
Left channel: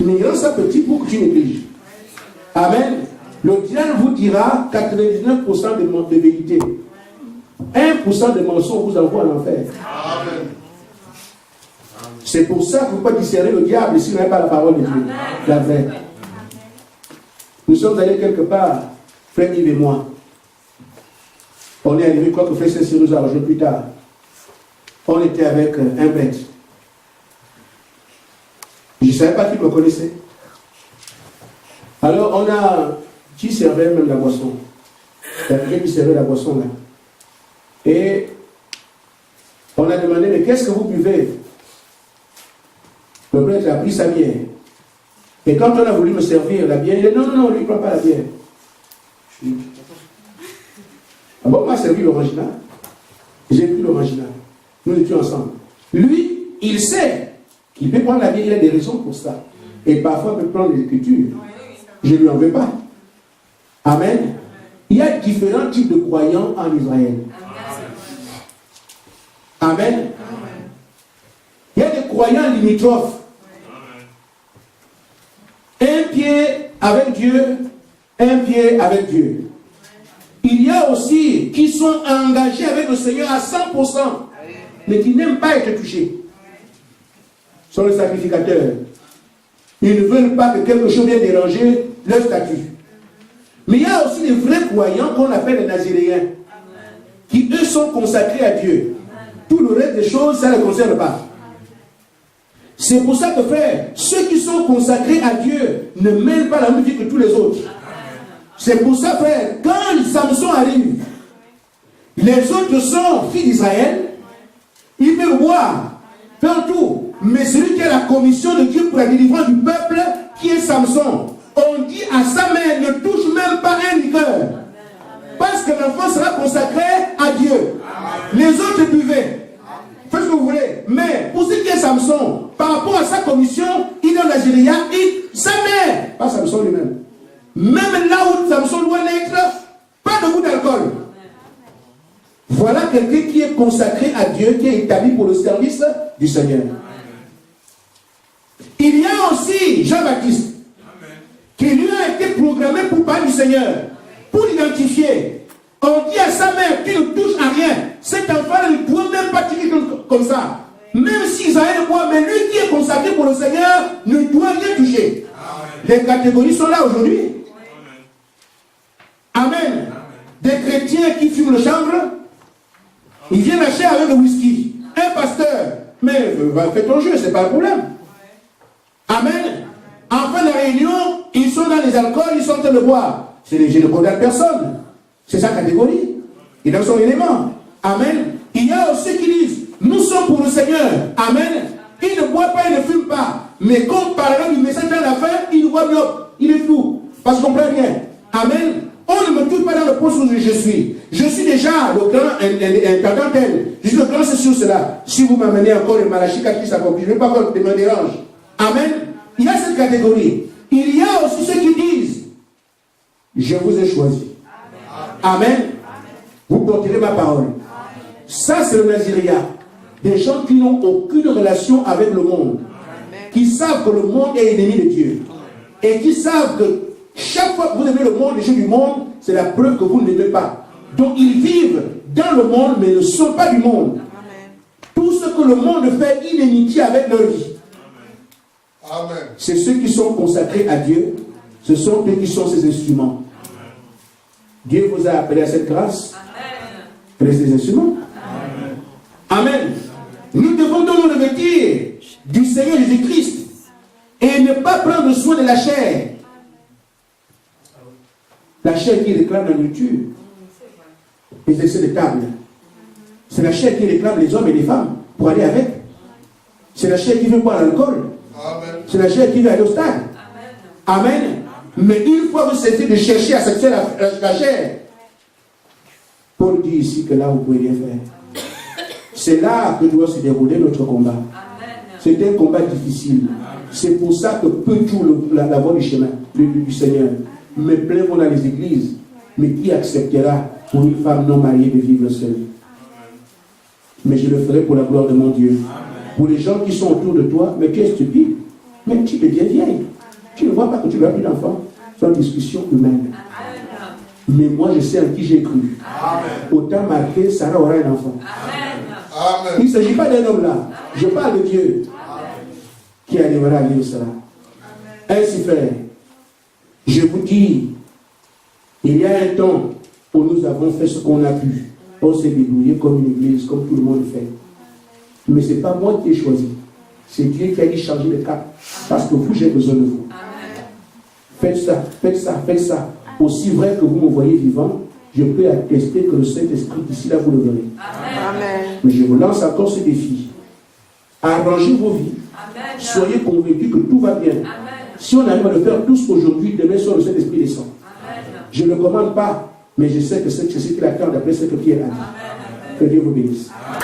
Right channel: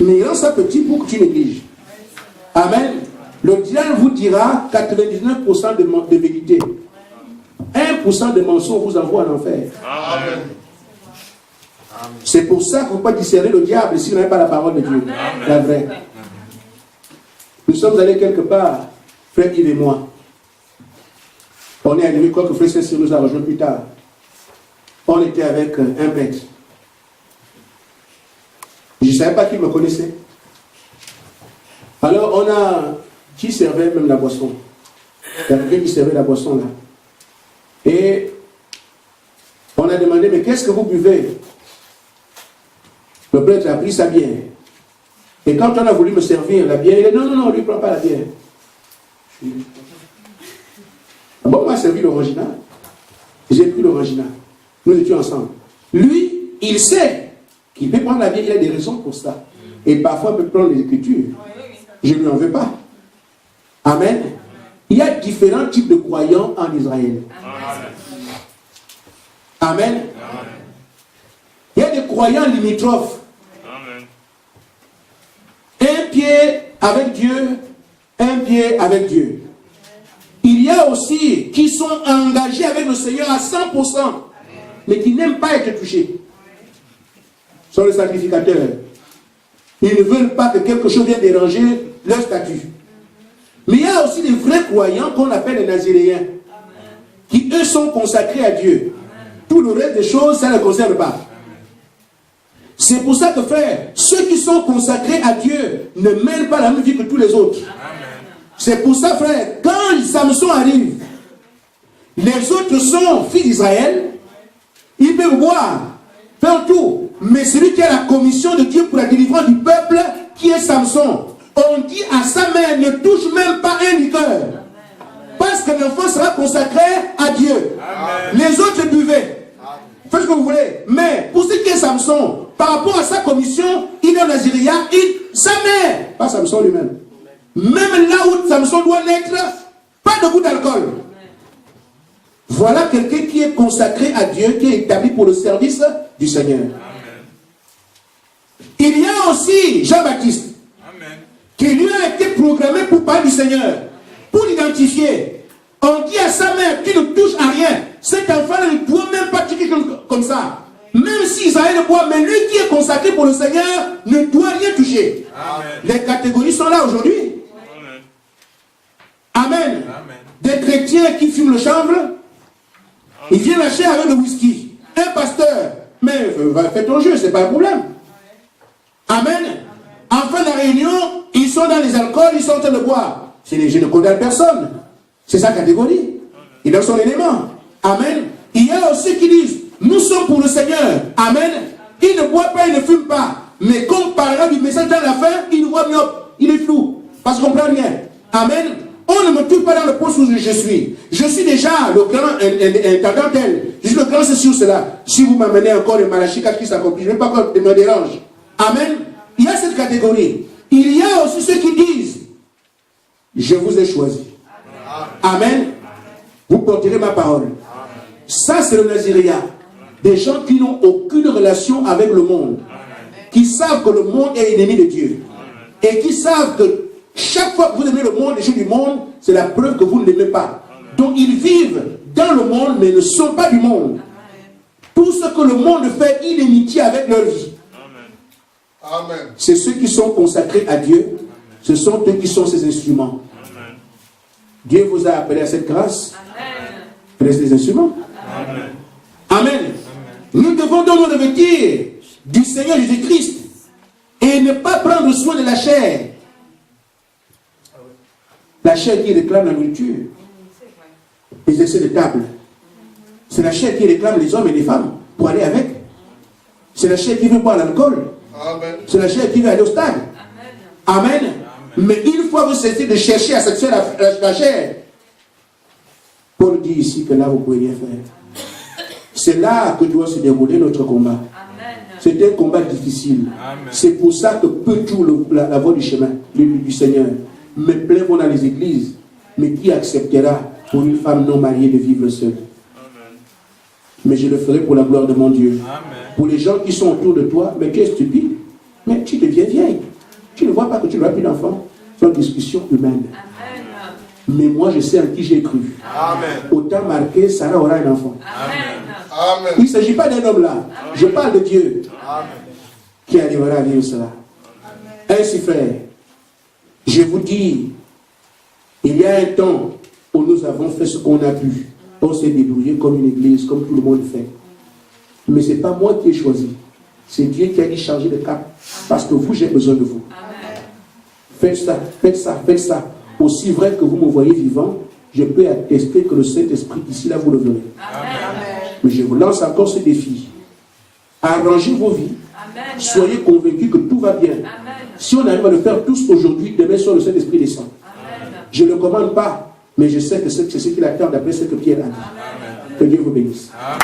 Mais il rend ça petit pour que tu négliges. Amen. Le diable vous dira 99% de vérité. 1% de mensonge vous envoie à l'enfer. C'est pour ça que vous ne pouvez pas discerner le diable si vous n'avez pas la parole de Dieu. Amen. La vraie. Nous sommes allés quelque part, frère Yves et moi. On est arrivé, quoi que frère Cécile nous a rejoint plus tard. On était avec un prêtre. Je ne savais pas qu'il me connaissait. Alors on a... Qui servait même la boisson? Il y a quelqu'un qui servait la boisson là. Et on a demandé, mais qu'est-ce que vous buvez? Le prêtre a pris sa bière. Et quand on a voulu me servir la bière, il a dit non, lui ne prend pas la bière. Je suis... Ah bon, on m'a servi l'original. J'ai pris l'original. Nous étions ensemble. Lui, il sait qu'il peut prendre la bière, il a des raisons pour ça. Et parfois, il peut prendre les Écritures. Je ne lui en veux pas. Amen. Il y a différents types de croyants en Israël. Amen. Il y a des croyants limitrophes. Un pied avec Dieu, un pied avec Dieu. Il y a aussi qui sont engagés avec le Seigneur à 100%, mais qui n'aiment pas être touchés. Ce sont les sacrificateurs. Ils ne veulent pas que quelque chose vienne déranger leur statut. Mais il y a aussi les vrais croyants qu'on appelle les Naziréens, qui eux sont consacrés à Dieu. Tout le reste des choses, ça ne les concerne pas. C'est pour ça que, frère, ceux qui sont consacrés à Dieu ne mènent pas la même vie que tous les autres. C'est pour ça, frère, quand Samson arrive, les autres sont fils d'Israël, ils peuvent boire, faire tout. Mais celui qui a la commission de Dieu pour la délivrance du peuple, qui est Samson, on dit à sa mère, ne touche même pas un liqueur. Parce que l'enfant sera consacré à Dieu. Amen. Les autres buvaient. Faites ce que vous voulez. Mais pour ce qui est Samson, par rapport à sa commission, il est en Naziria, sa mère, pas Samson lui-même. Même là où Samson doit naître, pas de goût d'alcool. Voilà quelqu'un qui est consacré à Dieu, qui est établi pour le service du Seigneur. Amen. Il y a aussi Jean-Baptiste, qui lui a été programmé pour parler du Seigneur, pour l'identifier. On dit à sa mère qui ne touche à rien, cet enfant ne doit même pas tirer comme ça. Même si Isaïe le boit, mais lui qui est consacré pour le Seigneur ne doit rien toucher. Amen. Les catégories sont là aujourd'hui. Amen. Amen. Des chrétiens qui fument le chanvre, ils viennent lâcher avec le whisky. Un pasteur, mais fais ton jeu, c'est pas un problème. Amen. En fin de la réunion, ils sont dans les alcools, ils sont en train de boire. Je ne condamne personne. C'est sa catégorie. Il est dans son élément. Amen. Il y a aussi qui disent, nous sommes pour le Seigneur. Amen. Il ne boit pas, il ne fume pas. Mais comme par exemple, il met ça dans la fin, il voit myope. Il est flou. Parce qu'on ne comprend rien. Amen. On ne me touche pas dans le poste où je suis. Je suis déjà le grand intendant tel. Je suis le grand ceci ou cela. Si vous m'amenez encore le Malachie 4 qui s'accomplit, je ne vais pas encore me dérange. Amen. Il y a cette catégorie. Il y a aussi ceux qui disent, je vous ai choisi. Amen. Vous porterez ma parole. Ça, c'est le Naziria. Des gens qui n'ont aucune relation avec le monde. Qui savent que le monde est ennemi de Dieu. Et qui savent que chaque fois que vous aimez le monde, les choses du monde, c'est la preuve que vous ne l'aimez pas. Donc ils vivent dans le monde, mais ne sont pas du monde. Tout ce que le monde fait, inimitié avec leur vie. Amen. C'est ceux qui sont consacrés à Dieu. Ce sont eux qui sont ses instruments. Amen. Dieu vous a appelé à cette grâce. Amen. Des instruments. Amen. Amen. Nous devons donc nous revêtir du Seigneur Jésus-Christ et ne pas prendre soin de la chair. La chair qui réclame la nourriture, les excès de table. C'est la chair qui réclame les hommes et les femmes pour aller avec. C'est la chair qui veut boire l'alcool. C'est la chair qui veut aller au stade. Amen. Amen. Mais une fois vous cessez de chercher à satisfaire la chair, Paul dit ici que là vous pouvez rien faire. C'est là que doit se dérouler notre combat. C'est un combat difficile. C'est pour ça que peu tout la voie du chemin du Seigneur. Mais plein vont dans les églises. Mais qui acceptera pour une femme non mariée de vivre seule? Mais je le ferai pour la gloire de mon Dieu. Amen. Pour les gens qui sont autour de toi, mais tu es stupide. Mais tu deviens vieille. Tu ne vois pas que tu n'auras plus d'enfants. C'est une discussion humaine. Amen. Mais moi, je sais en qui j'ai cru. Amen. Autant marqué, Sarah aura un enfant. Amen. Il ne s'agit pas d'un homme là. Je parle de Dieu. Amen. Qui arrivera à vivre cela. Amen. Ainsi, frère, je vous dis, il y a un temps où nous avons fait ce qu'on a pu. On s'est débrouillé comme une église, comme tout le monde fait. Mais ce n'est pas moi qui ai choisi. C'est Dieu qui a dit changer de cap. Parce que vous, j'ai besoin de vous. Amen. Faites ça, faites ça, faites ça. Aussi vrai que vous me voyez vivant, je peux attester que le Saint-Esprit d'ici là, vous le verrez. Amen. Mais je vous lance encore ce défi. Arrangez vos vies. Amen. Soyez convaincus que tout va bien. Amen. Si on arrive à le faire tous aujourd'hui, demain soir, le Saint-Esprit descend. Amen. Je ne le commande pas, mais je sais que c'est ce qu'il attend d'après ce que Pierre a dit. Amen. Que Dieu vous bénisse. Amen.